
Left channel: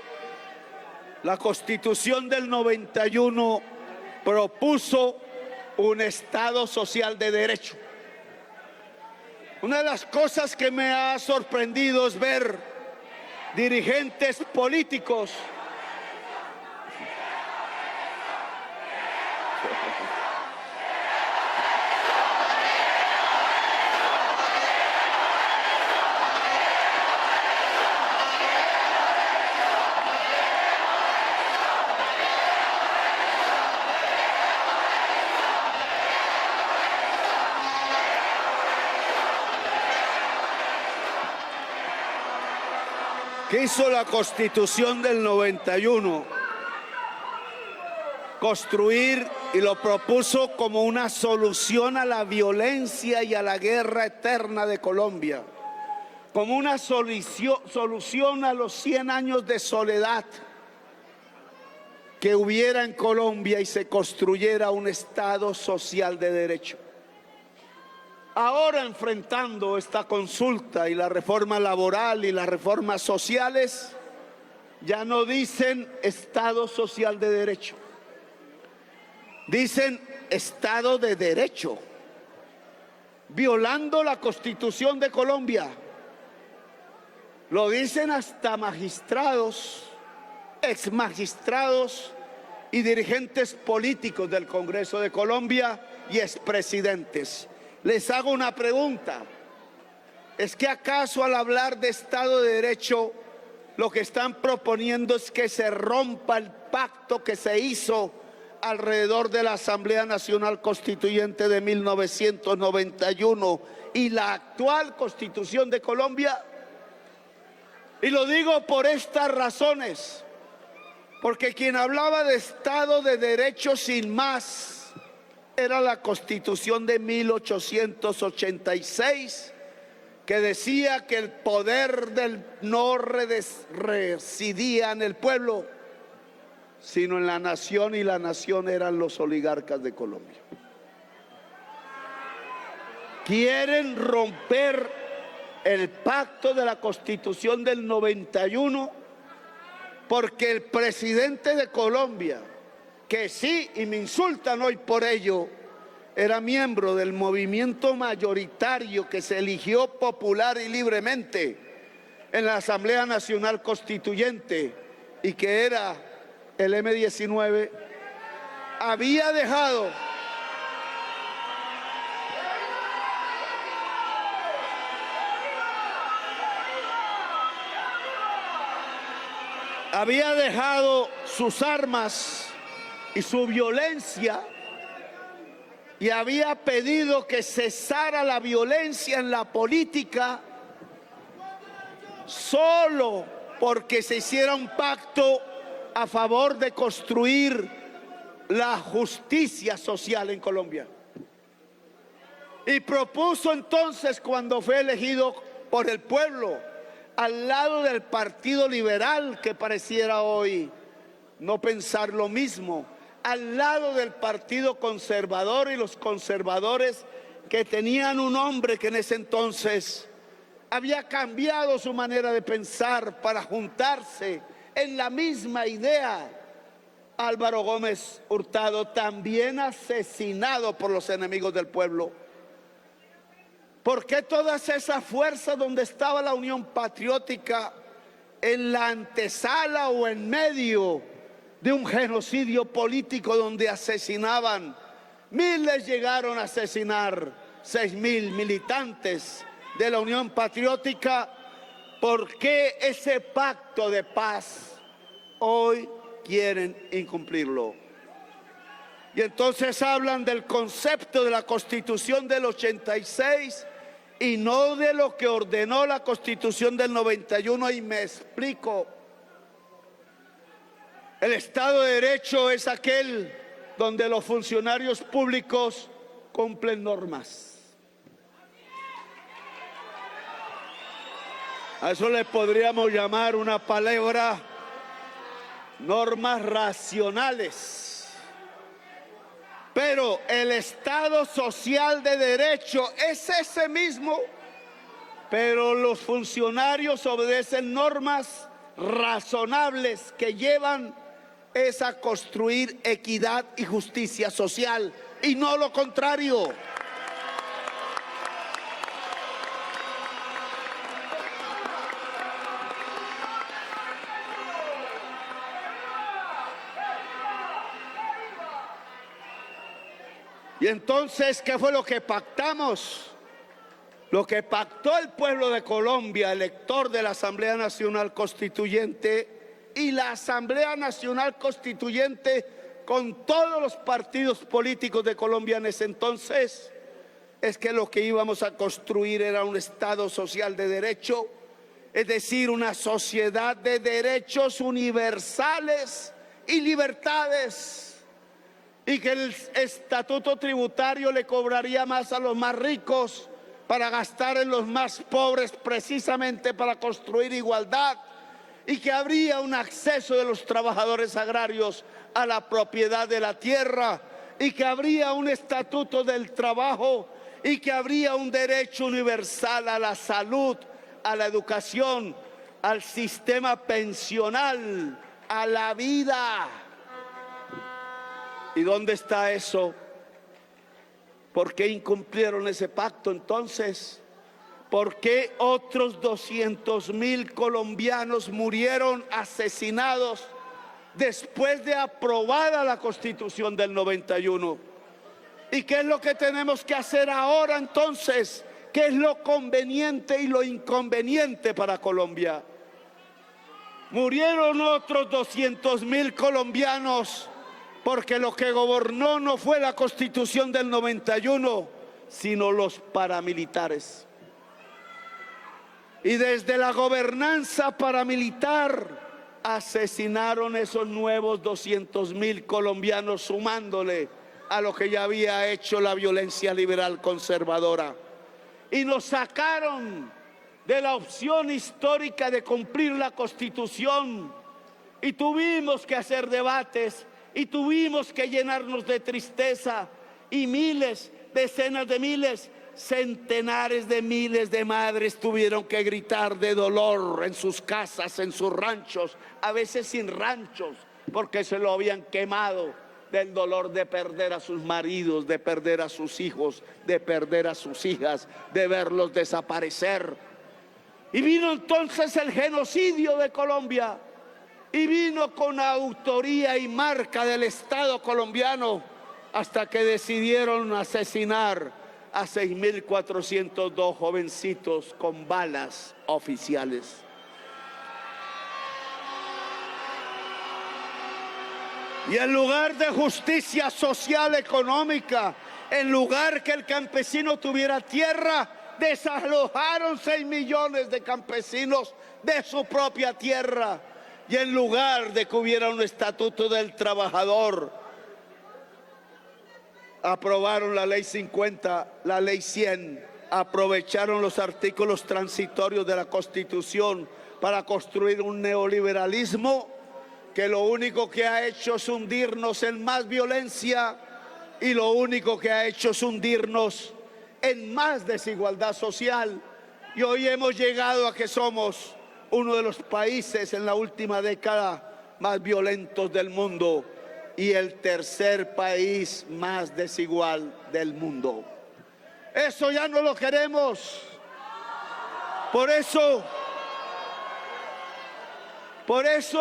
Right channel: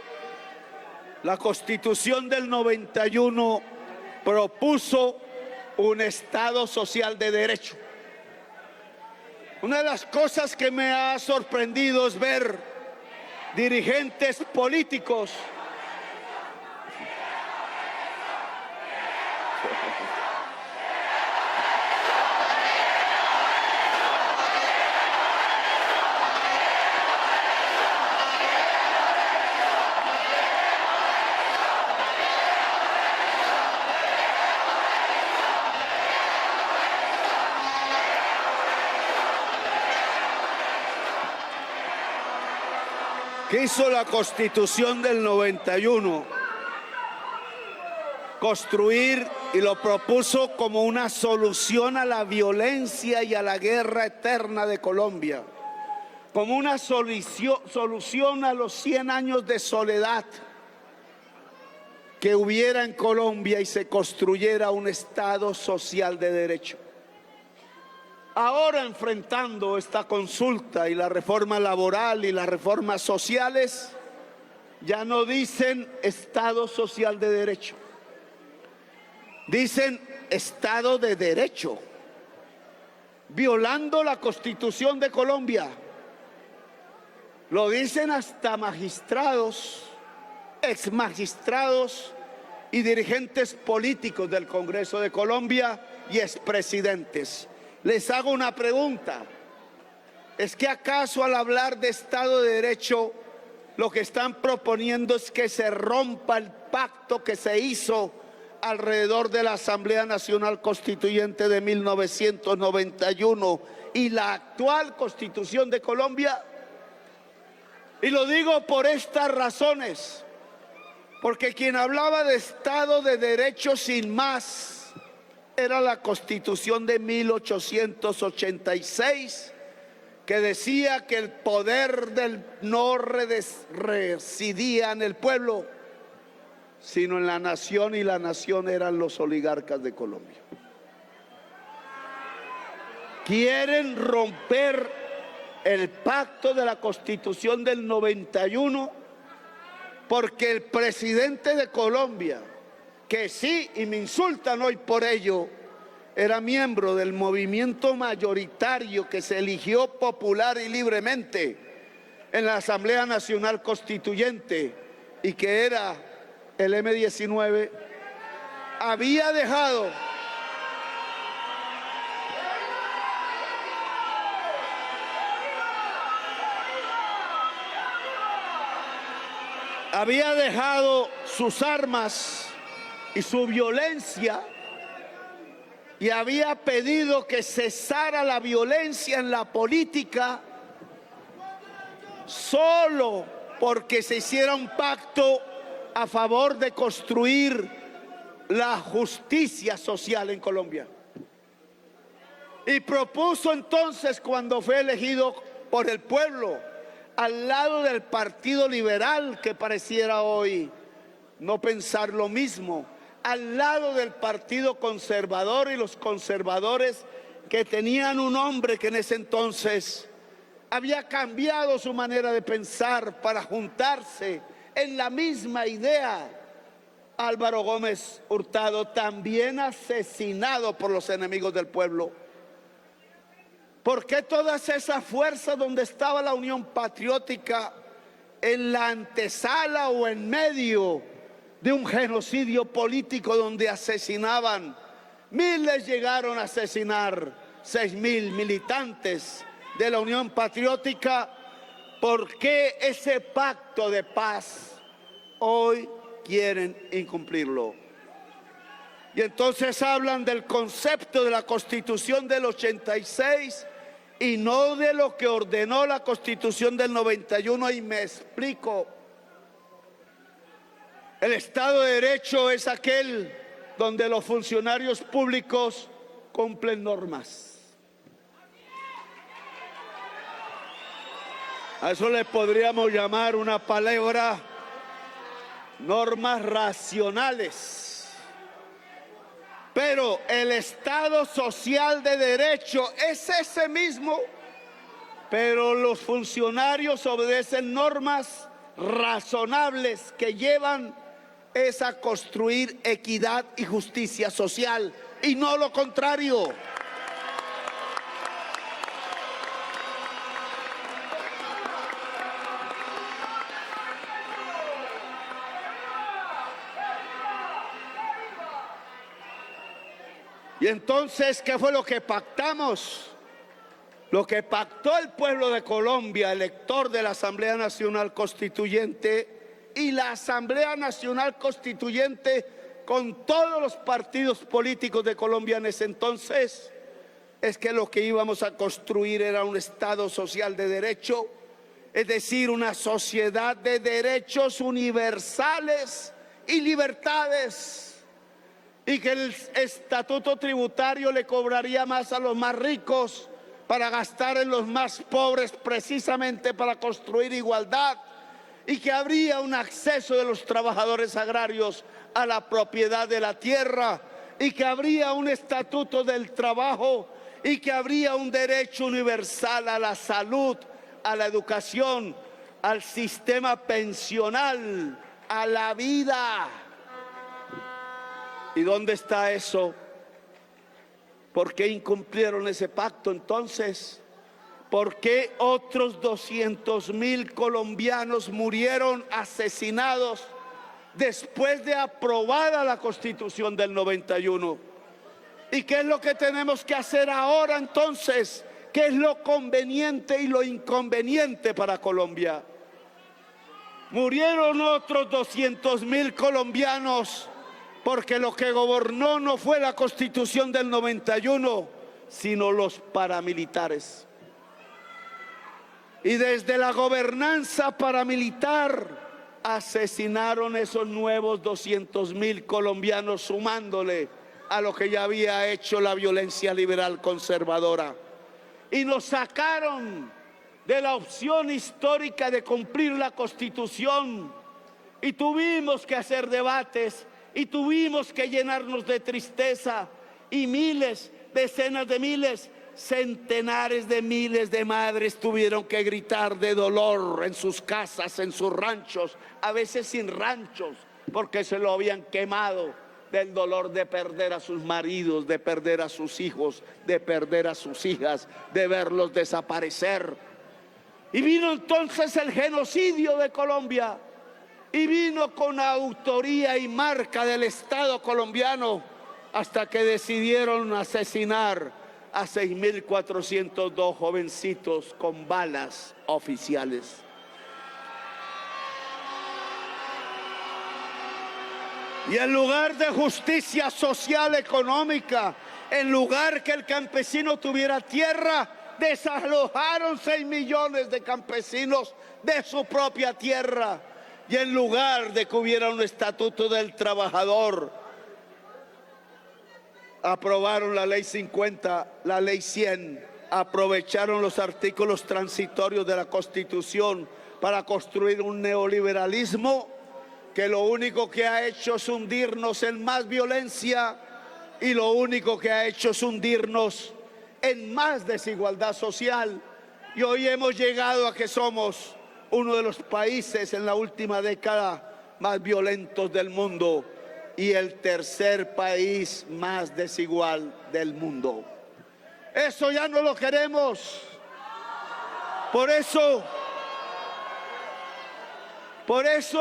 la Constitución del 91 propuso un Estado social de derecho. Una de las cosas que me ha sorprendido es ver dirigentes políticos ¿Qué hizo la Constitución del 91? Construir, y lo propuso como una solución a la violencia y a la guerra eterna de Colombia, como una solución a los 100 años de soledad, que hubiera en Colombia y se construyera un Estado social de derecho. Ahora, enfrentando esta consulta y la reforma laboral y las reformas sociales, ya no dicen Estado social de derecho, dicen Estado de derecho, violando la Constitución de Colombia. Lo dicen hasta magistrados, exmagistrados y dirigentes políticos del Congreso de Colombia y expresidentes. Les hago una pregunta. ¿Es que acaso al hablar de Estado de Derecho lo que están proponiendo es que se rompa el pacto que se hizo alrededor de la Asamblea Nacional Constituyente de 1991 y la actual Constitución de Colombia? Y lo digo por estas razones, porque quien hablaba de Estado de Derecho sin más era la Constitución de 1886, que decía que el poder no residía en el pueblo, sino en la nación, y la nación eran los oligarcas de Colombia. Quieren romper el pacto de la Constitución del 91 porque el presidente de Colombia, que sí, y me insultan hoy por ello, era miembro del movimiento mayoritario que se eligió popular y libremente en la Asamblea Nacional Constituyente y que era el M-19, había dejado sus armas y su violencia y había pedido que cesara la violencia en la política solo porque se hiciera un pacto a favor de construir la justicia social en Colombia. Y propuso entonces, cuando fue elegido por el pueblo, al lado del Partido Liberal, que pareciera hoy no pensar lo mismo, al lado del Partido Conservador y los conservadores que tenían un hombre que en ese entonces había cambiado su manera de pensar para juntarse en la misma idea, Álvaro Gómez Hurtado, también asesinado por los enemigos del pueblo. ¿Por qué todas esas fuerzas donde estaba la Unión Patriótica en la antesala o en medio de un genocidio político donde asesinaban? Miles llegaron a asesinar, 6.000 militantes de la Unión Patriótica. ¿Por qué ese pacto de paz hoy quieren incumplirlo? Y entonces hablan del concepto de la Constitución del 86 y no de lo que ordenó la Constitución del 91, y me explico. El Estado de Derecho es aquel donde los funcionarios públicos cumplen normas. A eso le podríamos llamar una palabra, normas racionales. Pero el Estado social de derecho es ese mismo, pero los funcionarios obedecen normas razonables que llevan es a construir equidad y justicia social, y no lo contrario. Y entonces, ¿qué fue lo que pactamos? Lo que pactó el pueblo de Colombia, elector de la Asamblea Nacional Constituyente, y la Asamblea Nacional Constituyente con todos los partidos políticos de Colombia en ese entonces, es que lo que íbamos a construir era un Estado social de derecho, es decir, una sociedad de derechos universales y libertades, y que el estatuto tributario le cobraría más a los más ricos para gastar en los más pobres, precisamente para construir igualdad, y que habría un acceso de los trabajadores agrarios a la propiedad de la tierra, y que habría un estatuto del trabajo, y que habría un derecho universal a la salud, a la educación, al sistema pensional, a la vida. ¿Y dónde está eso? ¿Por qué incumplieron ese pacto entonces? ¿Por qué otros 200,000 colombianos murieron asesinados después de aprobada la Constitución del 91? ¿Y qué es lo que tenemos que hacer ahora entonces? ¿Qué es lo conveniente y lo inconveniente para Colombia? Murieron otros 200,000 colombianos porque lo que gobernó no fue la Constitución del 91, sino los paramilitares. Y desde la gobernanza paramilitar asesinaron esos nuevos 200,000 colombianos, sumándole a lo que ya había hecho la violencia liberal conservadora. Y nos sacaron de la opción histórica de cumplir la Constitución. Y tuvimos que hacer debates, y tuvimos que llenarnos de tristeza, y miles, decenas de miles, centenares de miles de madres tuvieron que gritar de dolor en sus casas, en sus ranchos, a veces sin ranchos, porque se lo habían quemado, del dolor de perder a sus maridos, de perder a sus hijos, de perder a sus hijas, de verlos desaparecer. Y vino entonces el genocidio de Colombia, y vino con autoría y marca del Estado colombiano, hasta que decidieron asesinar a 6.402 jovencitos con balas oficiales. Y en lugar de justicia social económica, en lugar que el campesino tuviera tierra, desalojaron 6 millones de campesinos de su propia tierra. Y en lugar de que hubiera un estatuto del trabajador, aprobaron la ley 50, la ley 100, aprovecharon los artículos transitorios de la Constitución para construir un neoliberalismo que lo único que ha hecho es hundirnos en más violencia, y lo único que ha hecho es hundirnos en más desigualdad social. Y hoy hemos llegado a que somos uno de los países en la última década más violentos del mundo, y el tercer país más desigual del mundo. Eso ya no lo queremos. Por eso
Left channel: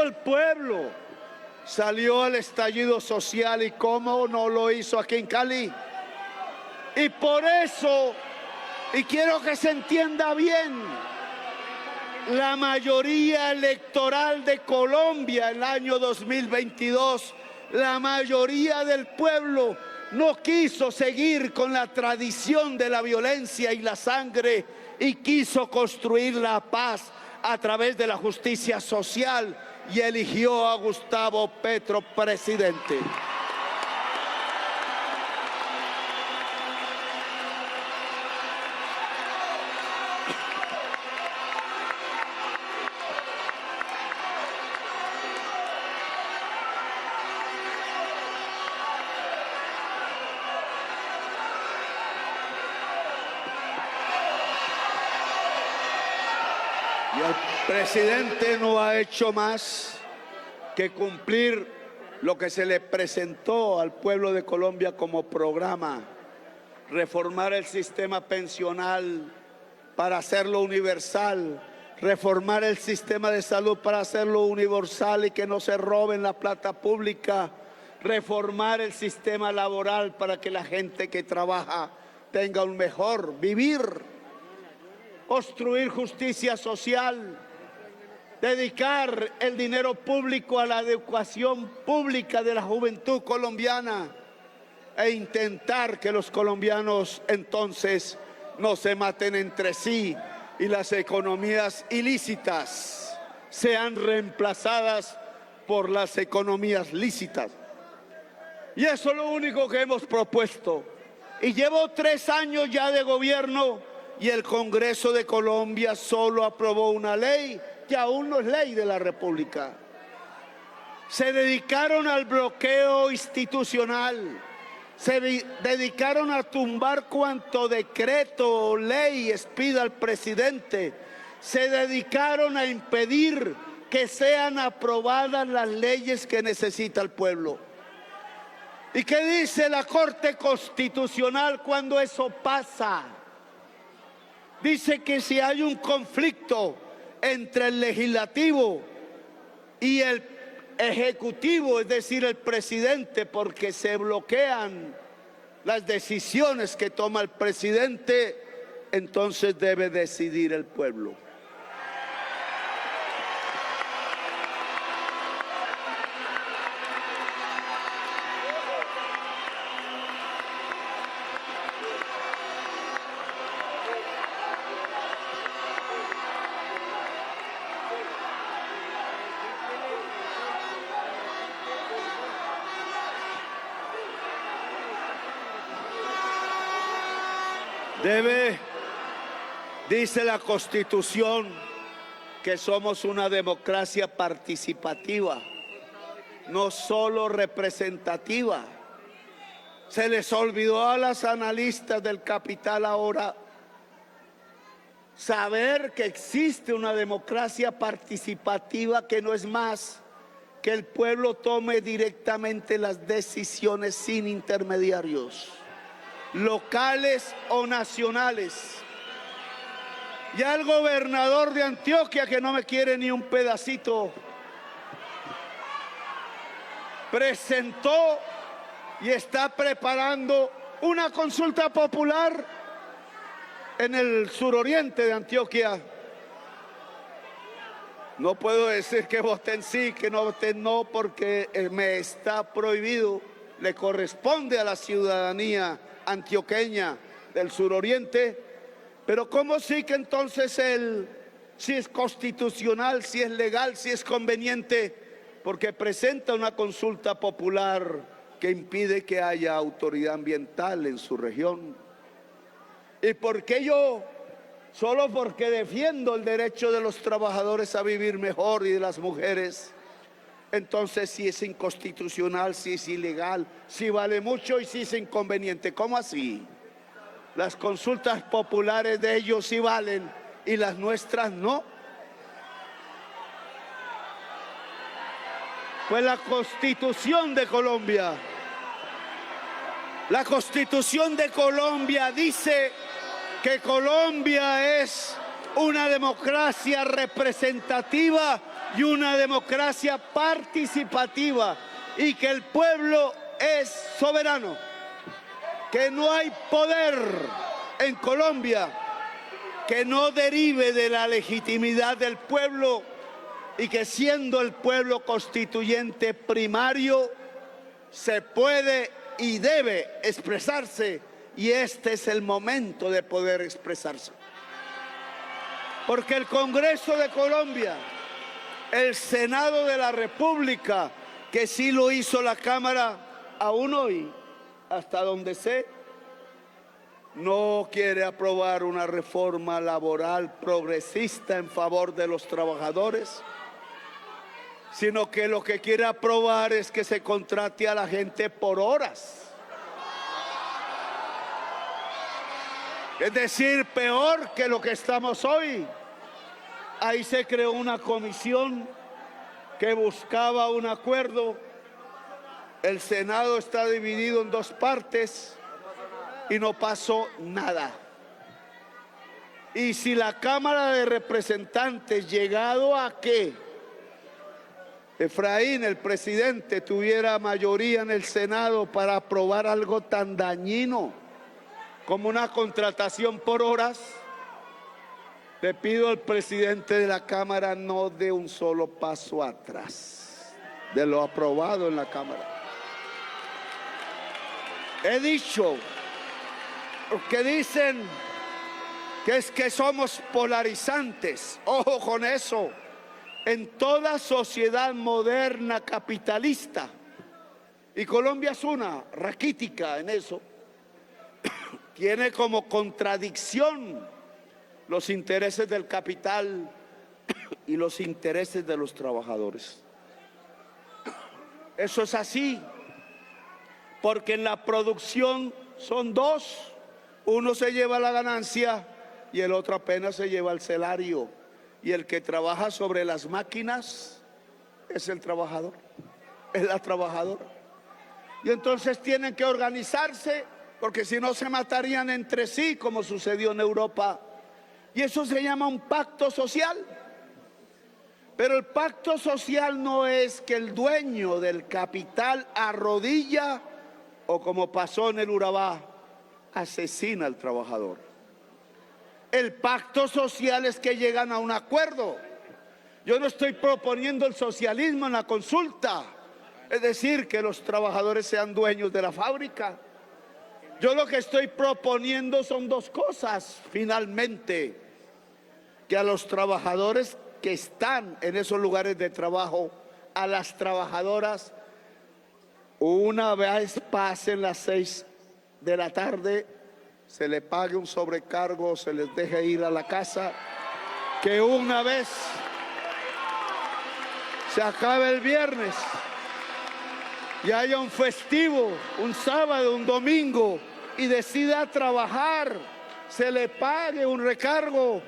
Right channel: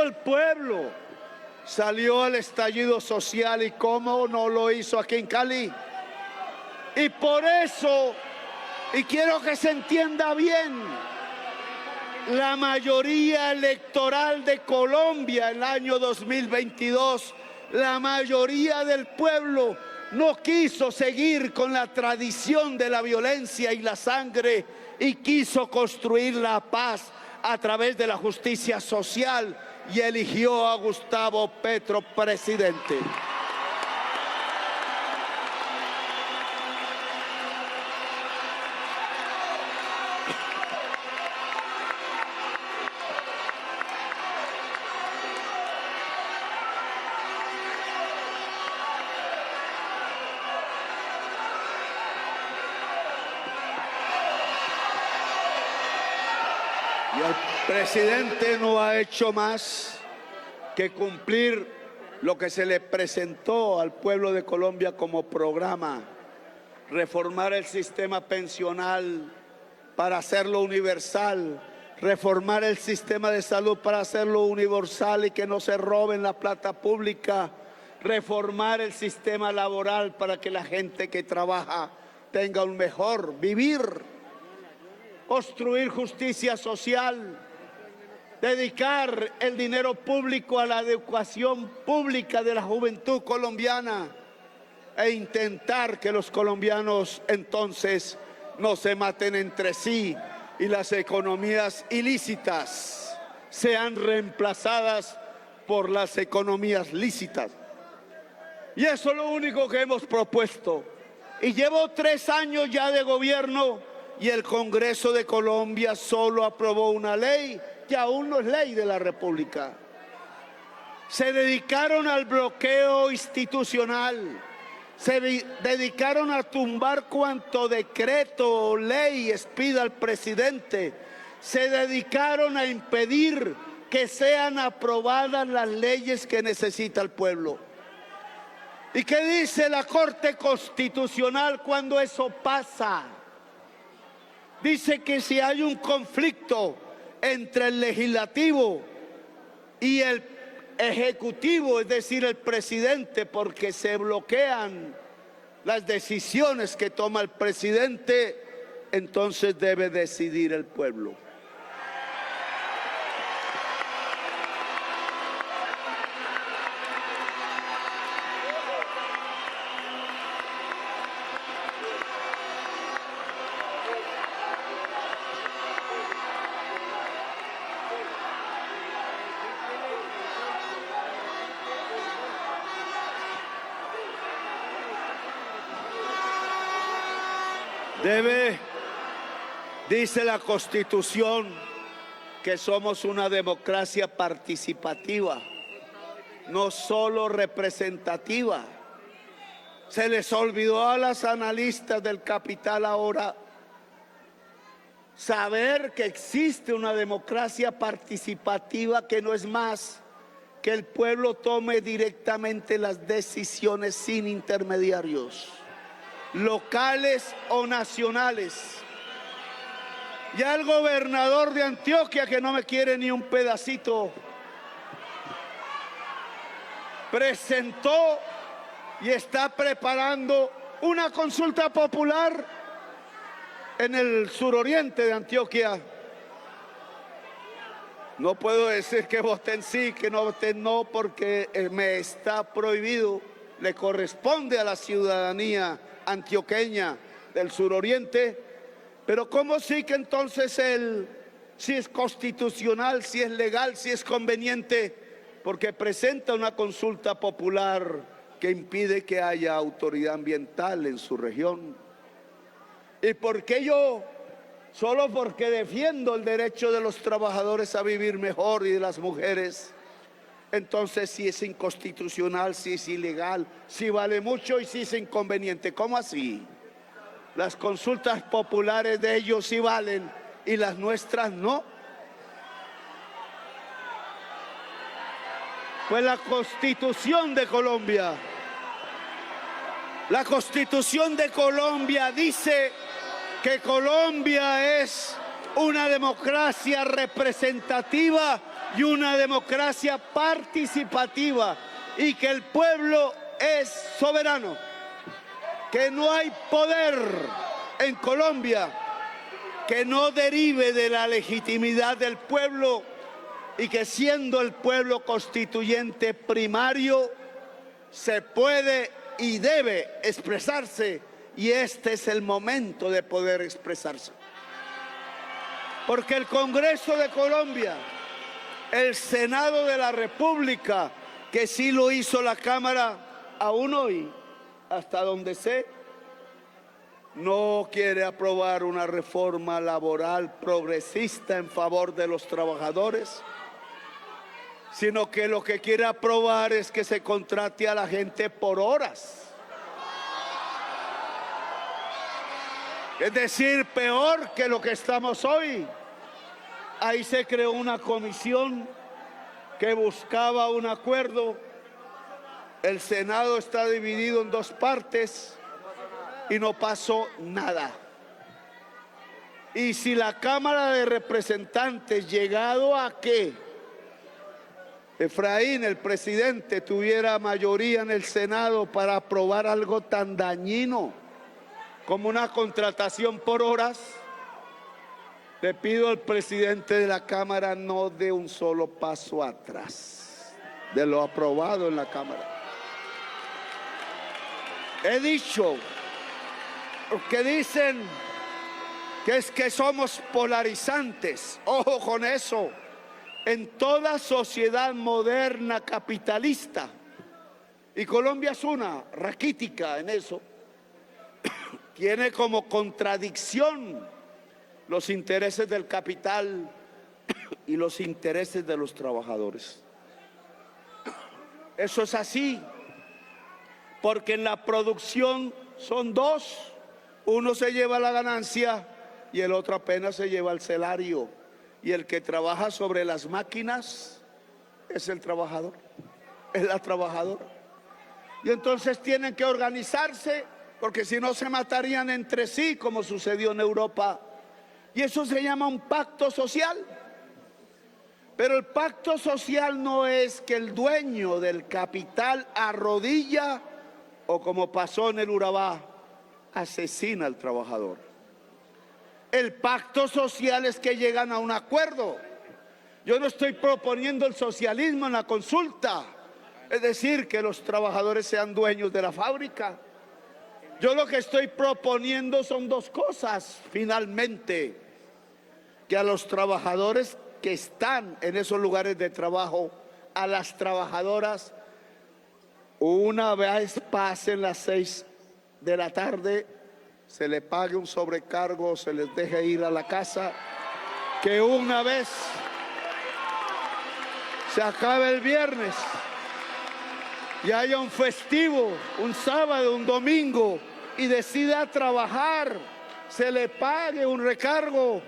el pueblo salió al estallido social, y cómo no lo hizo aquí en Cali. Y por eso, y quiero que se entienda bien, la mayoría electoral de Colombia el año 2022, la mayoría del pueblo no quiso seguir con la tradición de la violencia y la sangre, y quiso construir la paz a través de la justicia social, y eligió a Gustavo Petro presidente. Y el presidente no ha hecho más que cumplir lo que se le presentó al pueblo de Colombia como programa: reformar el sistema pensional para hacerlo universal, reformar el sistema de salud para hacerlo universal y que no se roben la plata pública, reformar el sistema laboral para que la gente que trabaja tenga un mejor vivir, construir justicia social, dedicar el dinero público a la educación pública de la juventud colombiana, e intentar que los colombianos entonces no se maten entre sí y las economías ilícitas sean reemplazadas por las economías lícitas. Y eso es lo único que hemos propuesto. Y llevo 3 años ya de gobierno, y el Congreso de Colombia solo aprobó una ley que aún no es ley de la República. se dedicaron al bloqueo institucional, se dedicaron a tumbar cuanto decreto o ley expida al presidente, se dedicaron a impedir que sean aprobadas las leyes que necesita el pueblo. ¿Y qué dice la Corte Constitucional cuando eso pasa? Dice que si hay un conflicto entre el legislativo y el ejecutivo, es decir, el presidente, porque se bloquean las decisiones que toma el presidente, entonces debe decidir el pueblo. Dice la Constitución que somos una democracia participativa, no solo representativa. Se les olvidó a los analistas del capital ahora saber que existe una democracia participativa que no es más que el pueblo tome directamente las decisiones sin intermediarios, locales o nacionales. Ya el gobernador de Antioquia, que no me quiere ni un pedacito, presentó y está preparando una consulta popular en el suroriente de Antioquia. No puedo decir que voten sí, que no voten no, porque me está prohibido. Le corresponde a la ciudadanía antioqueña del suroriente. Pero ¿cómo sí que entonces si es constitucional, si es legal, si es conveniente? Porque presenta una consulta popular que impide que haya autoridad ambiental en su región. ¿Y por qué yo? Solo porque defiendo el derecho de los trabajadores a vivir mejor y de las mujeres. Entonces, si es inconstitucional, si es ilegal, si vale mucho y si es inconveniente. ¿Cómo así? Las consultas populares de ellos sí valen y las nuestras no. Pues la Constitución de Colombia, dice que Colombia es una democracia representativa y una democracia participativa y que el pueblo es soberano, que no hay poder en Colombia que no derive de la legitimidad del pueblo y que siendo el pueblo constituyente primario se puede y debe expresarse, y este es el momento de poder expresarse. Porque el Congreso de Colombia, el Senado de la República, que sí lo hizo la Cámara, aún hoy, hasta donde sé, no quiere aprobar una reforma laboral progresista en favor de los trabajadores, sino que lo que quiere aprobar es que se contrate a la gente por horas. Es decir, peor que lo que estamos hoy. Ahí se creó una comisión que buscaba un acuerdo. El Senado está dividido en dos partes y no pasó nada. Y si la Cámara de Representantes, llegado a que Efraín, el presidente, tuviera mayoría en el Senado para aprobar algo tan dañino como una contratación por horas, le pido al presidente de la Cámara no dé un solo paso atrás de lo aprobado en la Cámara. He dicho, que dicen que es que somos polarizantes. Ojo con eso. En toda sociedad moderna capitalista, y Colombia es una raquítica en eso, tiene como contradicción los intereses del capital y los intereses de los trabajadores. Eso es así, porque en la producción son dos. Uno se lleva la ganancia y el otro apenas se lleva el salario. Y el que trabaja sobre las máquinas es el trabajador, es la trabajadora. Y entonces tienen que organizarse, porque si no se matarían entre sí, como sucedió en Europa. Y eso se llama un pacto social. Pero el pacto social no es que el dueño del capital arrodilla o, como pasó en el Urabá, asesina al trabajador. El pacto social es que llegan a un acuerdo. Yo no estoy proponiendo el socialismo en la consulta, es decir, que los trabajadores sean dueños de la fábrica. Yo lo que estoy proponiendo son dos cosas, finalmente: que a los trabajadores que están en esos lugares de trabajo, a las trabajadoras, una vez pasen las 6 de la tarde, se le pague un sobrecargo, se les deje ir a la casa, que una vez se acabe el viernes y haya un festivo, un sábado, un domingo, y decida trabajar, se le pague un recargo,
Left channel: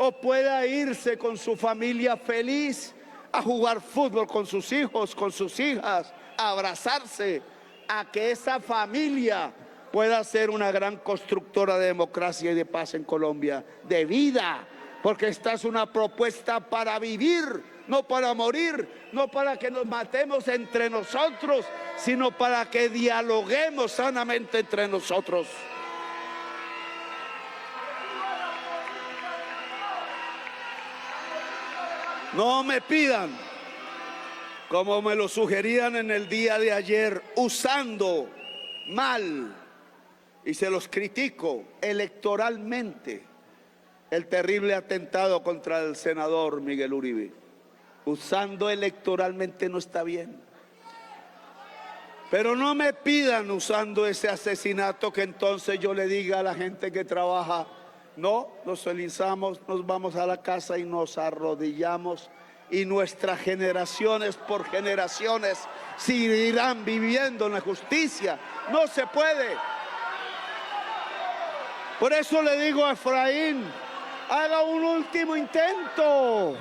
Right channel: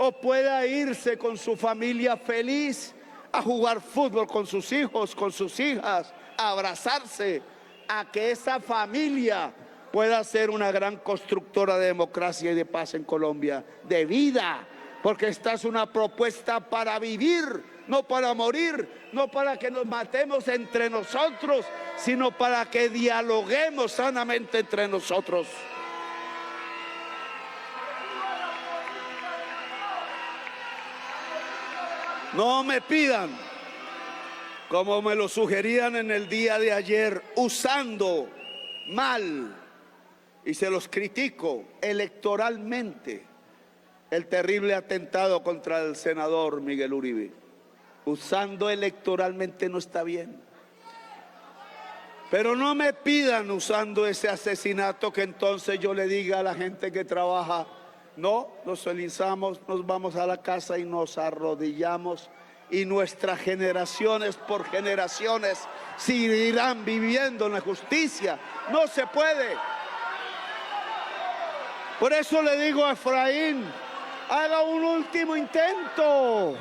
o pueda irse con su familia feliz a jugar fútbol con sus hijos, con sus hijas, a abrazarse, a que esa familia pueda ser una gran constructora de democracia y de paz en Colombia, de vida, porque esta es una propuesta para vivir, no para morir, no para que nos matemos entre nosotros, sino para que dialoguemos sanamente entre nosotros. No me pidan, como me lo sugerían en el día de ayer, usando mal, y se los critico, electoralmente, el terrible atentado contra el senador Miguel Uribe. Usando electoralmente no está bien. Pero no me pidan usando ese asesinato que entonces yo le diga a la gente que trabaja: no, nos felicitamos, nos vamos a la casa y nos arrodillamos, y nuestras generaciones por generaciones seguirán viviendo en la justicia. No se puede. Por eso le digo a Efraín: haga un último intento.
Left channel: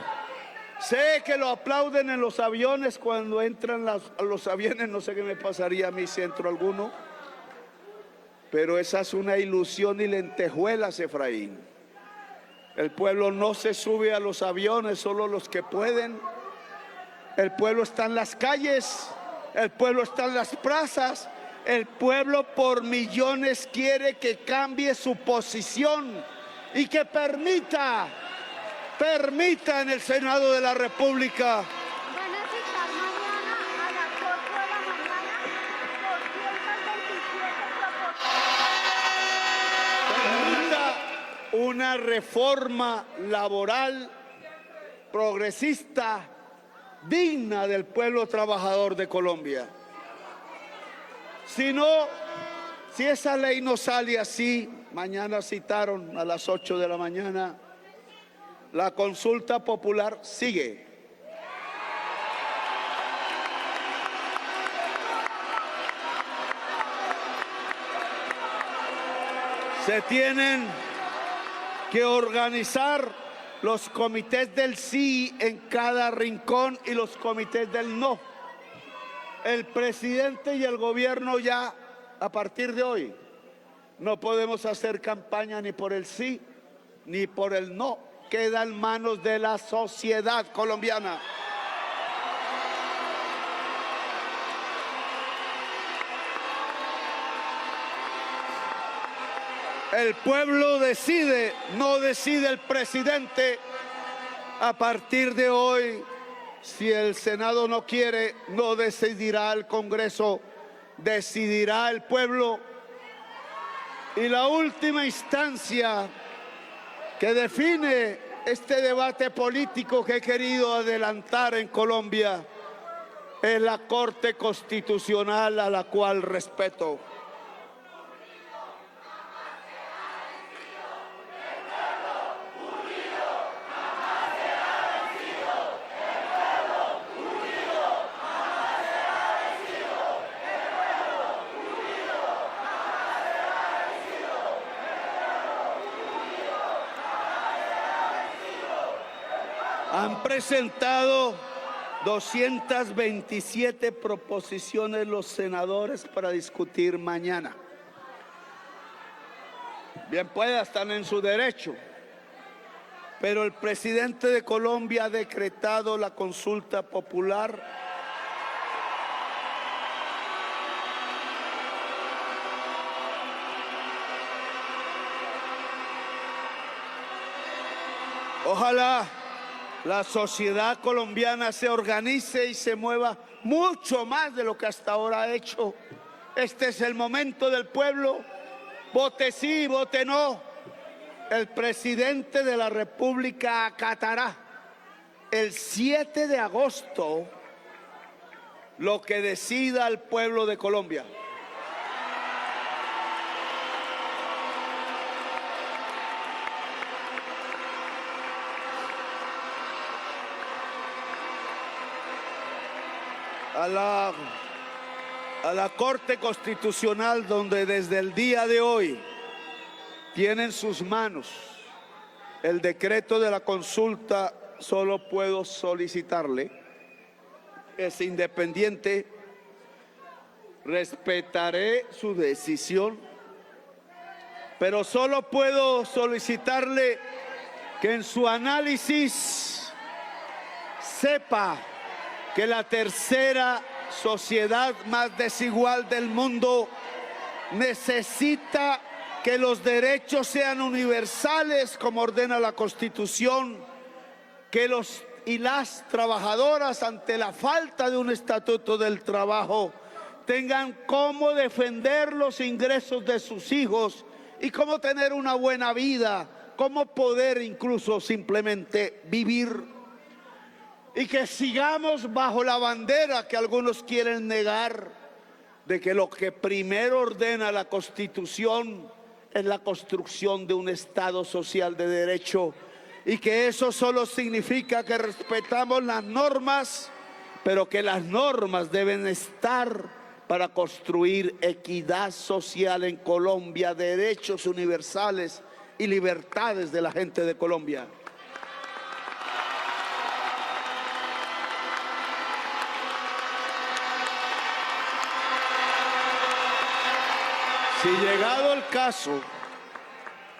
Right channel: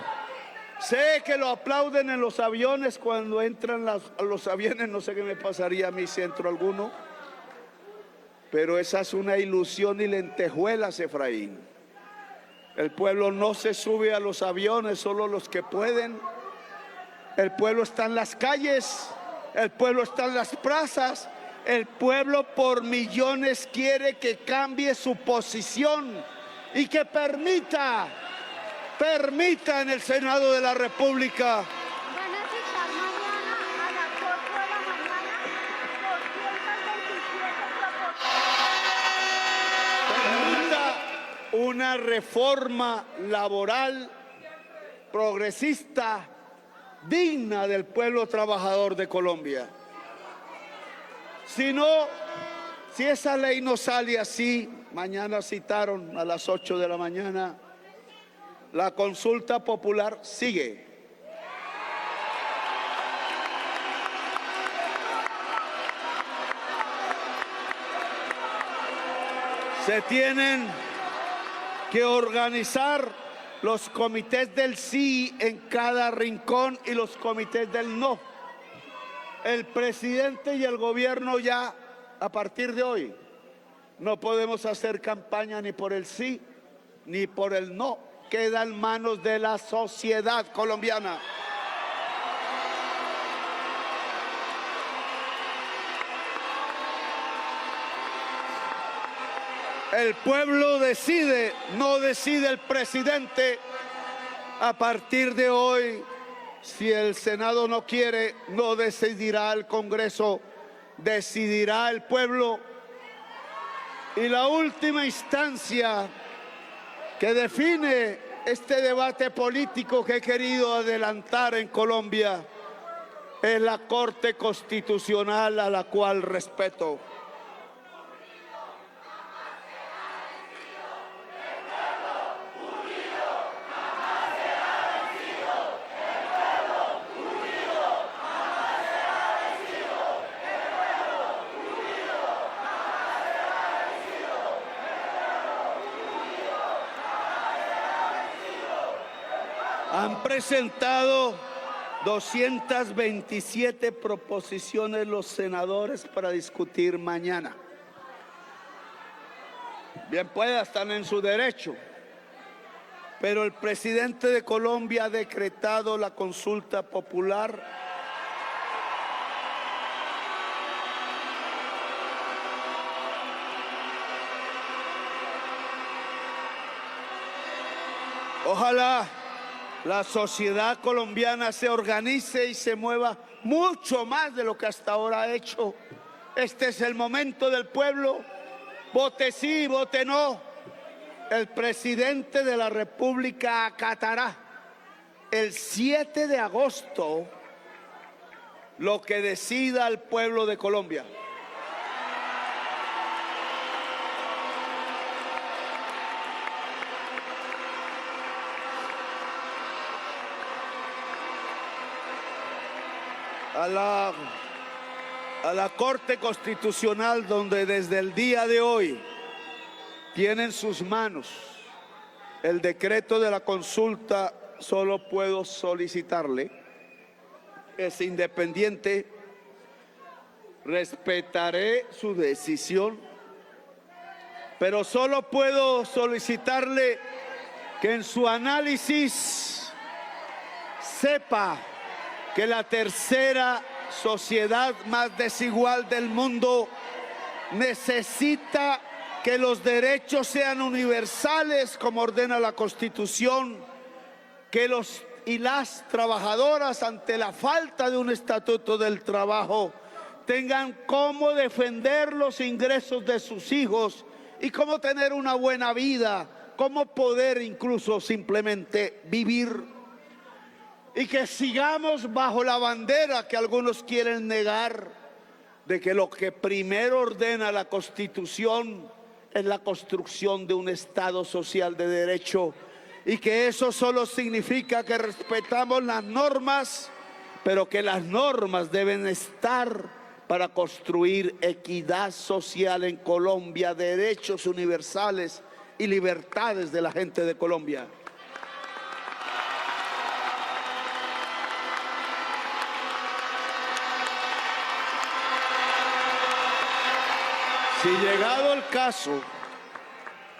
Sé que lo aplauden en los aviones cuando entran los aviones, no sé qué me pasaría a mí si entro alguno. Pero esa es una ilusión y lentejuelas, Efraín. El pueblo no se sube a los aviones, solo los que pueden. El pueblo está en las calles, el pueblo está en las plazas. El pueblo por millones quiere que cambie su posición y que permita en el Senado de la República una reforma laboral progresista, digna del pueblo trabajador de Colombia. Si esa ley no sale así, mañana citaron a las 8 de la mañana, la consulta popular sigue. Se tienen que organizar los comités del sí en cada rincón y los comités del no. El presidente y el gobierno ya, a partir de hoy, no podemos hacer campaña ni por el sí ni por el no. Queda en manos de la sociedad colombiana. El pueblo decide, no decide el presidente. A partir de hoy, si el Senado no quiere, no decidirá el Congreso, decidirá el pueblo. Y la última instancia que define este debate político que he querido adelantar en Colombia es la Corte Constitucional, a la cual respeto. Han presentado 227 proposiciones los senadores para discutir mañana. Bien pueda, están en su derecho, pero el presidente de Colombia ha decretado la consulta popular. Ojalá la sociedad colombiana se organice y se mueva mucho más de lo que hasta ahora ha hecho. Este es el momento del pueblo. Vote sí, vote no. El presidente de la República acatará el 7 de agosto lo que decida el pueblo de Colombia. A la Corte Constitucional, donde desde el día de hoy tiene en sus manos el decreto de la consulta, solo puedo solicitarle, es independiente, respetaré su decisión, pero solo puedo solicitarle que en su análisis sepa que la tercera sociedad más desigual del mundo necesita que los derechos sean universales como ordena la Constitución, que los y las trabajadoras ante la falta de un estatuto del trabajo tengan cómo defender los ingresos de sus hijos y cómo tener una buena vida, cómo poder incluso simplemente vivir. Y que sigamos bajo la bandera que algunos quieren negar, de que lo que primero ordena la Constitución es la construcción de un Estado social de derecho, y que eso solo significa que respetamos las normas, pero que las normas deben estar para construir equidad social en Colombia, derechos universales y libertades de la gente de Colombia. Si llegado el caso,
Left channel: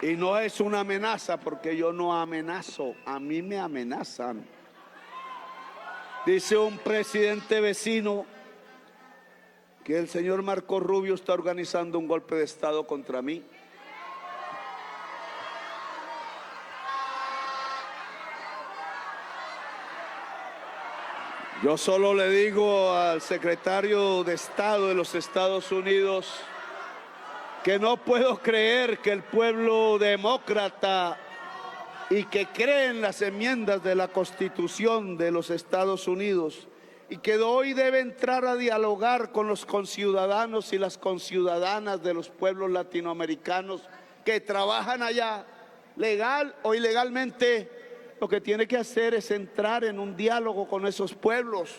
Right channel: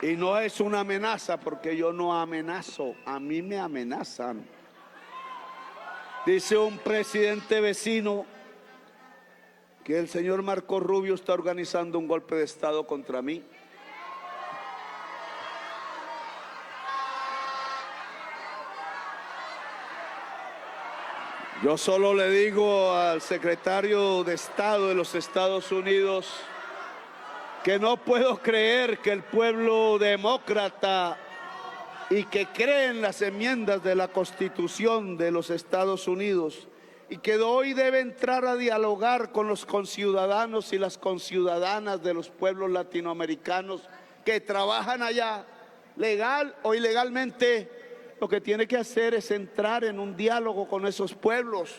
y no es una amenaza porque yo no amenazo, a mí me amenazan. Dice un presidente vecino que el señor Marco Rubio está organizando un golpe de Estado contra mí. Yo solo le digo al secretario de Estado de los Estados Unidos que no puedo creer que el pueblo demócrata y que cree en las enmiendas de la Constitución de los Estados Unidos y que hoy debe entrar a dialogar con los conciudadanos y las conciudadanas de los pueblos latinoamericanos que trabajan allá, legal o ilegalmente, lo que tiene que hacer es entrar en un diálogo con esos pueblos,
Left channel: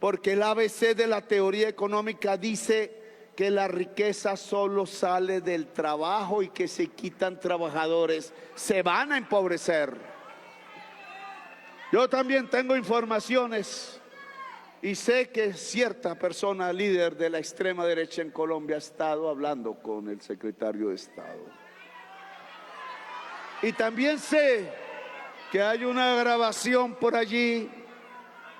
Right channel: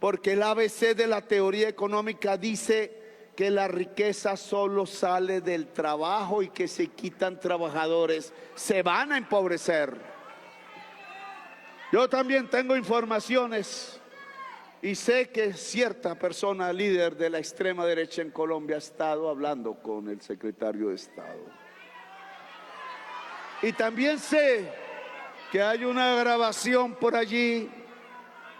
porque el ABC de la teoría económica dice que la riqueza solo sale del trabajo y que si quitan trabajadores se van a empobrecer. Yo también tengo informaciones y sé que cierta persona líder de la extrema derecha en Colombia ha estado hablando con el secretario de Estado. Y también sé que hay una grabación por allí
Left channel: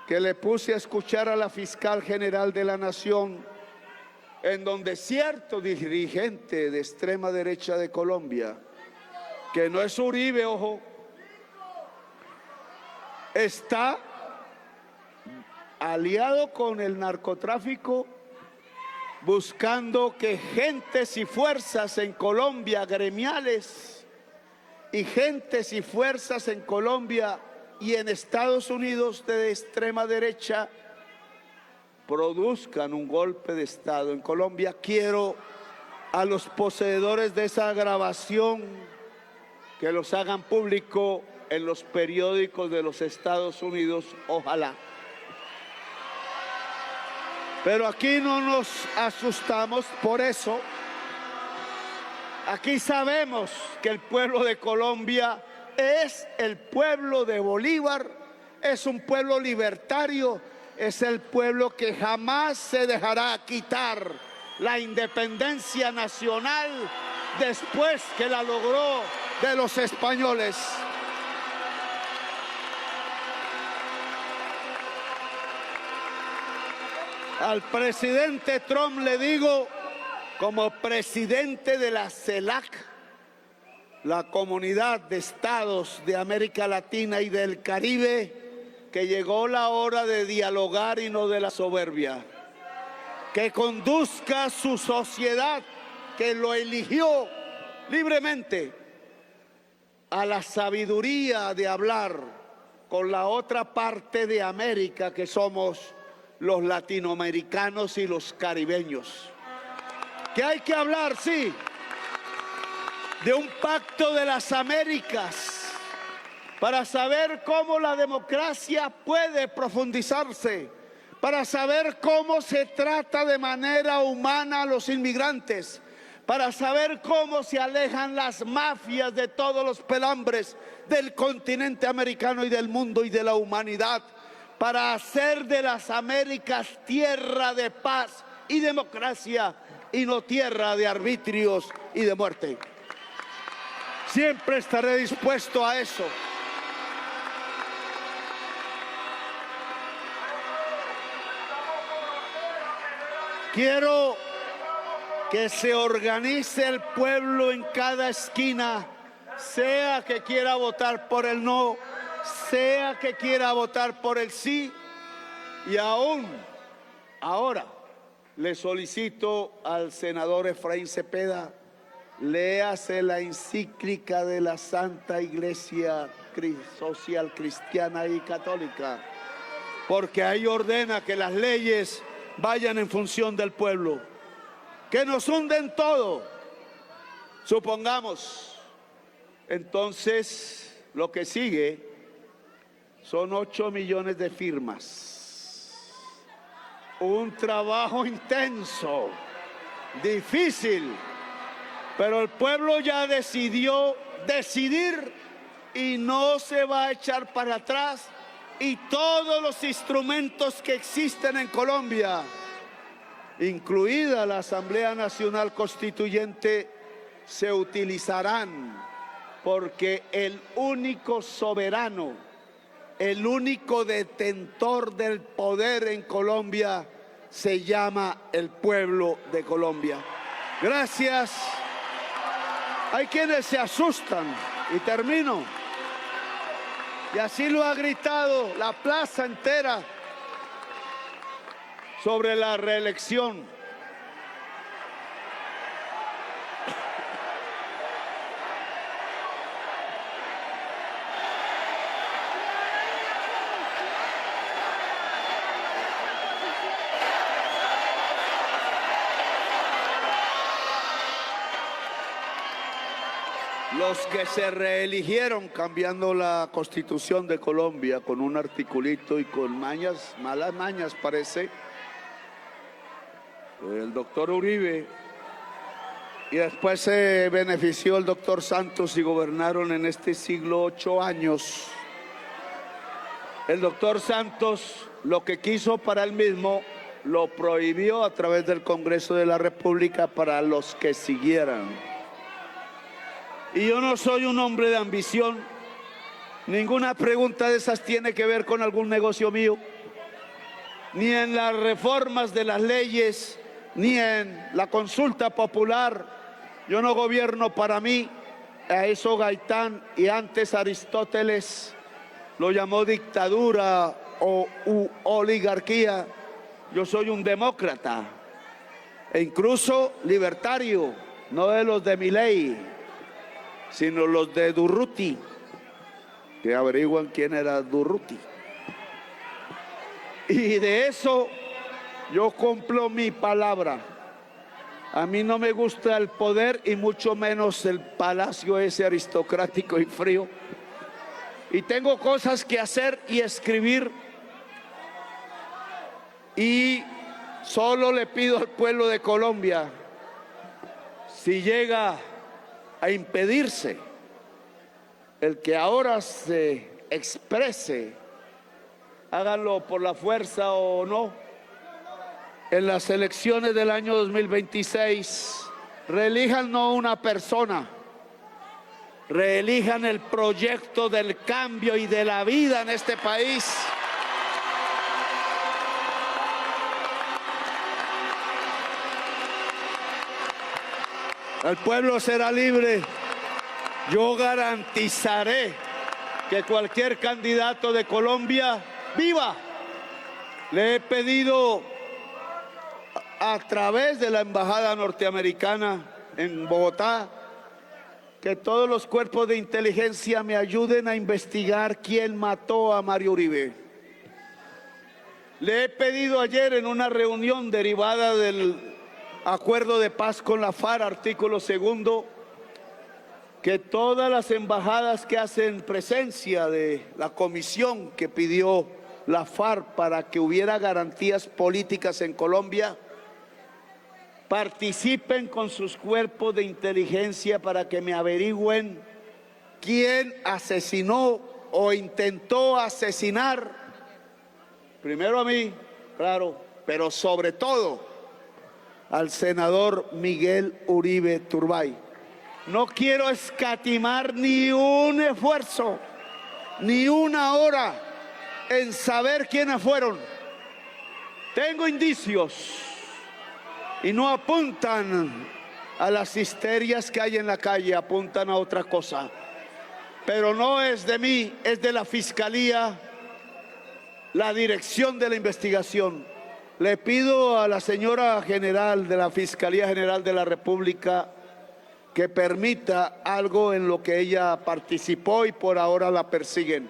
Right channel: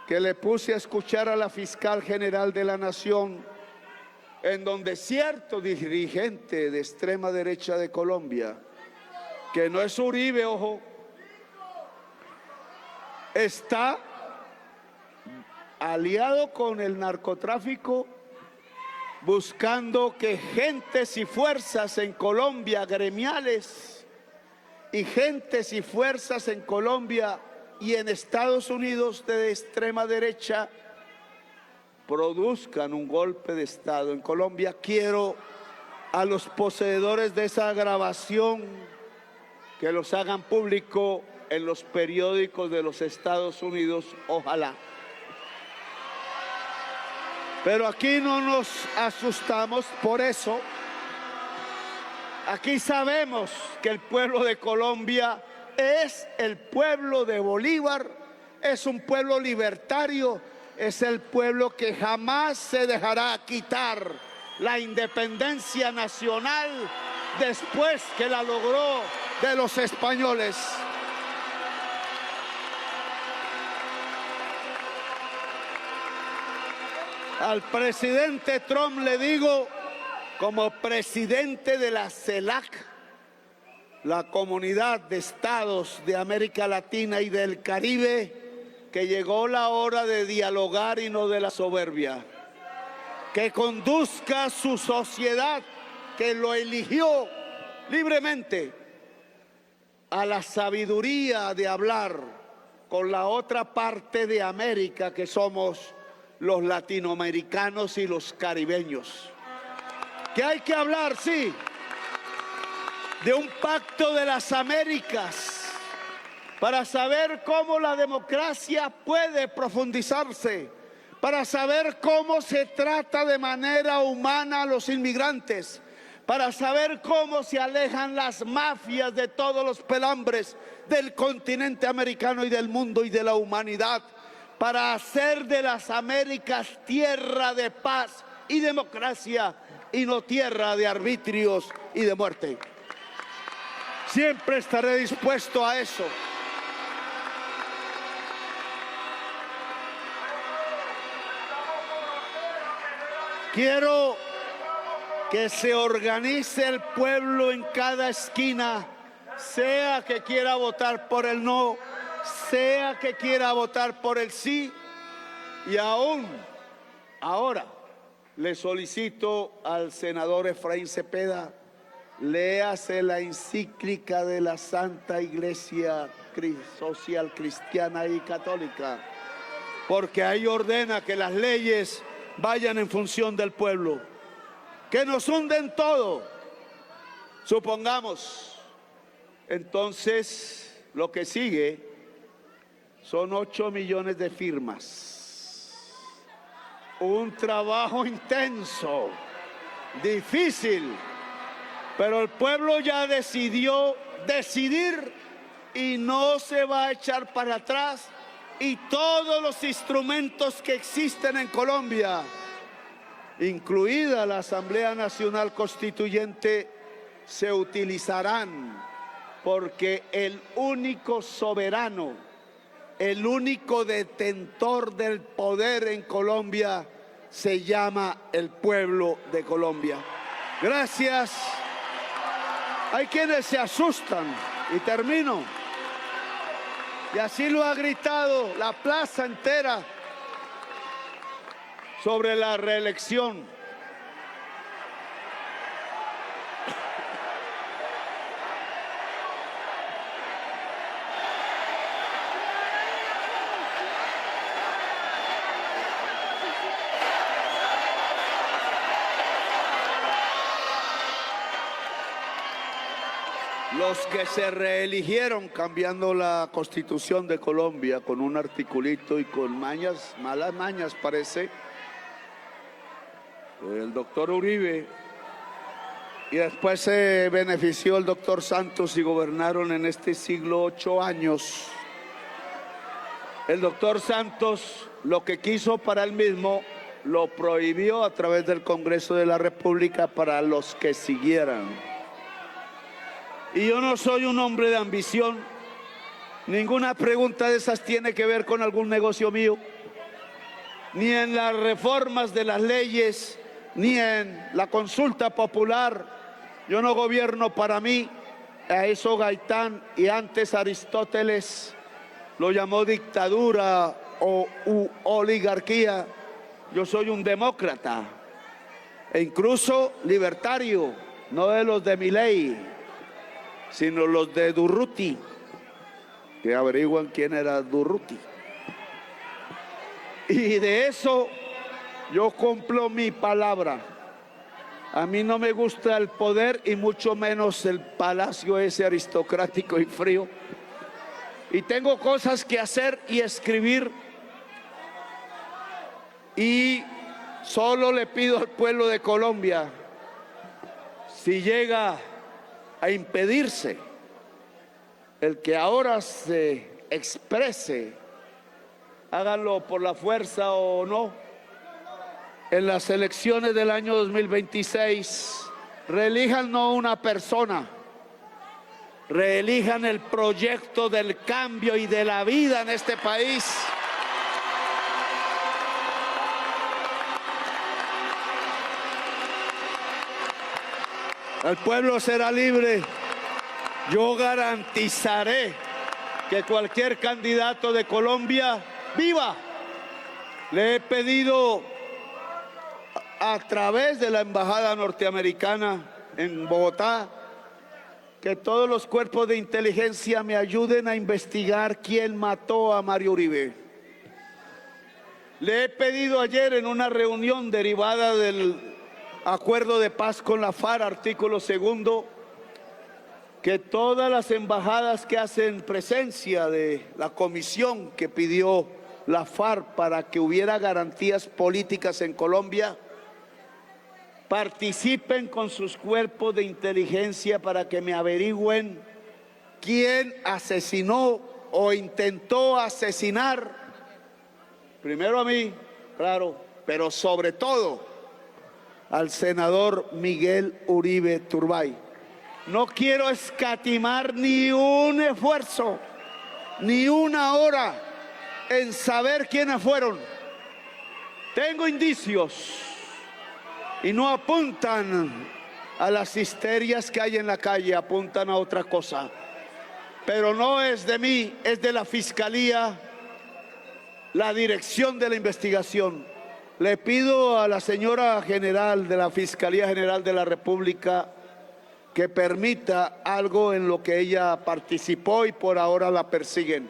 que le puse a escuchar a la fiscal general de la Nación, en donde cierto dirigente de extrema derecha de Colombia, que no es Uribe, ojo, está aliado con el narcotráfico, buscando que gentes y fuerzas en Colombia, gremiales, y gentes y fuerzas en Colombia y en Estados Unidos de extrema derecha produzcan un golpe de Estado en Colombia. Quiero a los poseedores de esa grabación que los hagan público en los periódicos de los Estados Unidos, ojalá. Pero aquí no nos asustamos por eso. Aquí sabemos que el pueblo de Colombia es el pueblo de Bolívar es un pueblo libertario, es el pueblo que jamás se dejará quitar la independencia nacional después que la logró de los españoles. Al presidente Trump le digo, como presidente de la CELAC, la Comunidad de Estados de América Latina y del Caribe, que llegó la hora de dialogar y no de la soberbia, que conduzca su sociedad, que lo eligió libremente, a la sabiduría de hablar con la otra parte de América, que somos los latinoamericanos y los caribeños. Que hay que hablar, sí, de un pacto de las Américas para saber cómo la democracia puede profundizarse, para saber cómo se trata de manera humana a los inmigrantes, para saber cómo se alejan las mafias de todos los pelambres del continente americano y del mundo y de la humanidad, para hacer de las Américas tierra de paz y democracia y no tierra de arbitrios y de muerte. Siempre estaré dispuesto a eso. Quiero que se organice el pueblo en cada esquina, sea que quiera votar por el no, sea que quiera votar por el sí, y aún ahora le solicito al senador Efraín Cepeda, léase la encíclica de la Santa Iglesia Social Cristiana y Católica, porque ahí ordena que las leyes vayan en función del pueblo, que nos hunden todo. Supongamos, entonces, lo que sigue son 8 millones de firmas. Un trabajo intenso, difícil, pero el pueblo ya decidió decidir y no se va a echar para atrás, y todos los instrumentos que existen en Colombia, incluida la Asamblea Nacional Constituyente, se utilizarán, porque el único soberano, el único detentor del poder en Colombia se llama el pueblo de Colombia. Gracias. Hay quienes se asustan, y termino, y así lo ha gritado la plaza entera sobre la reelección. Los que se reeligieron cambiando la Constitución de Colombia con un articulito y con mañas, malas mañas parece, el doctor Uribe, y después se benefició el doctor Santos y gobernaron en este siglo 8 años. El doctor Santos lo que quiso para él mismo lo prohibió a través del Congreso de la República para los que siguieran. Y yo no soy un hombre de ambición, ninguna pregunta de esas tiene que ver con algún negocio mío, ni en las reformas de las leyes, ni en la consulta popular. Yo no gobierno para mí, a eso Gaitán y antes Aristóteles lo llamó dictadura o oligarquía. Yo soy un demócrata e incluso libertario, no de los de Milei, sino los de Durruti, que averiguan quién era Durruti. Y de eso yo cumplo mi palabra. A mí no me gusta el poder y mucho menos el palacio ese aristocrático y frío. Y tengo cosas que hacer y escribir. Y solo le pido al pueblo de Colombia, si llega a impedirse el que ahora se exprese háganlo por la fuerza o no, en las elecciones del año 2026, reelijan no una persona, reelijan el proyecto del cambio y de la vida en este país. El pueblo será libre. Yo garantizaré que cualquier candidato de Colombia viva. Le he pedido a través de la embajada norteamericana en Bogotá que todos los cuerpos de inteligencia me ayuden a investigar quién mató a Mario Uribe. Le he pedido ayer en una reunión derivada del acuerdo de paz con la FARC, artículo 2, que todas las embajadas que hacen presencia de la comisión que pidió la FARC para que hubiera garantías políticas en Colombia, participen con sus cuerpos de inteligencia para que me averigüen quién asesinó o intentó asesinar, primero a mí, claro, pero sobre todo al senador Miguel Uribe Turbay. No quiero escatimar ni un esfuerzo, ni una hora en saber quiénes fueron. Tengo indicios y no apuntan a las histerias que hay en la calle, apuntan a otra cosa. Pero no es de mí, es de la Fiscalía, la dirección de la investigación. Le pido a la señora general de la Fiscalía General de la República que permita algo en lo que ella participó y por ahora la persiguen.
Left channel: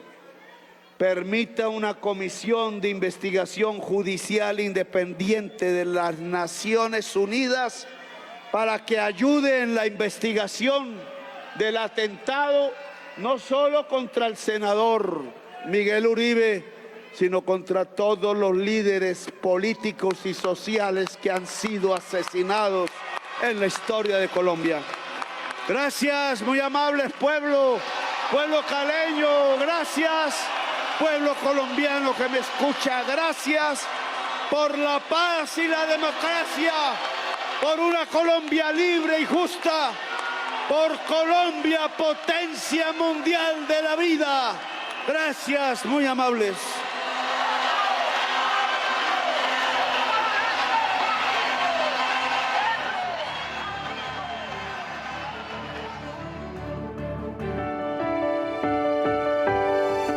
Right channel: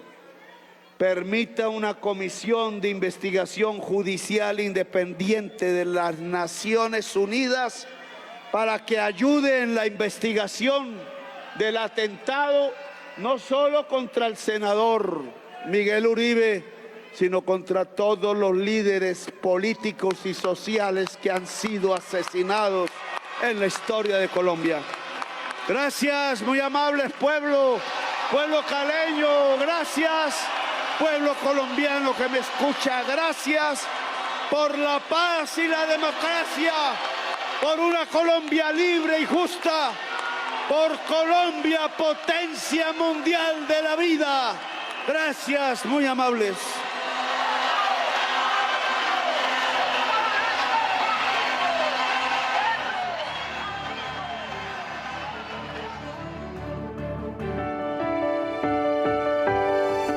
Permita una comisión de investigación judicial independiente de las Naciones Unidas para que ayude en la investigación del atentado, no solo contra el senador Miguel Uribe, sino contra todos los líderes políticos y sociales que han sido asesinados en la historia de Colombia. Gracias, muy amables pueblo caleño, gracias, pueblo colombiano que me escucha, gracias por la paz y la democracia, por una Colombia libre y justa, por Colombia, potencia mundial de la vida. Gracias, muy amables.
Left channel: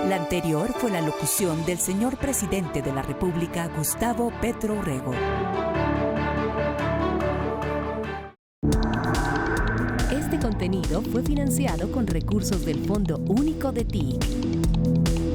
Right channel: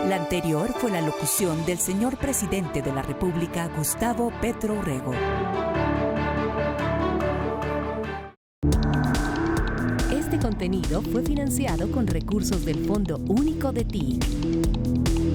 La anterior fue la locución del señor presidente de la República, Gustavo Petro Urrego. Este contenido fue financiado con recursos del Fondo Único de TIC.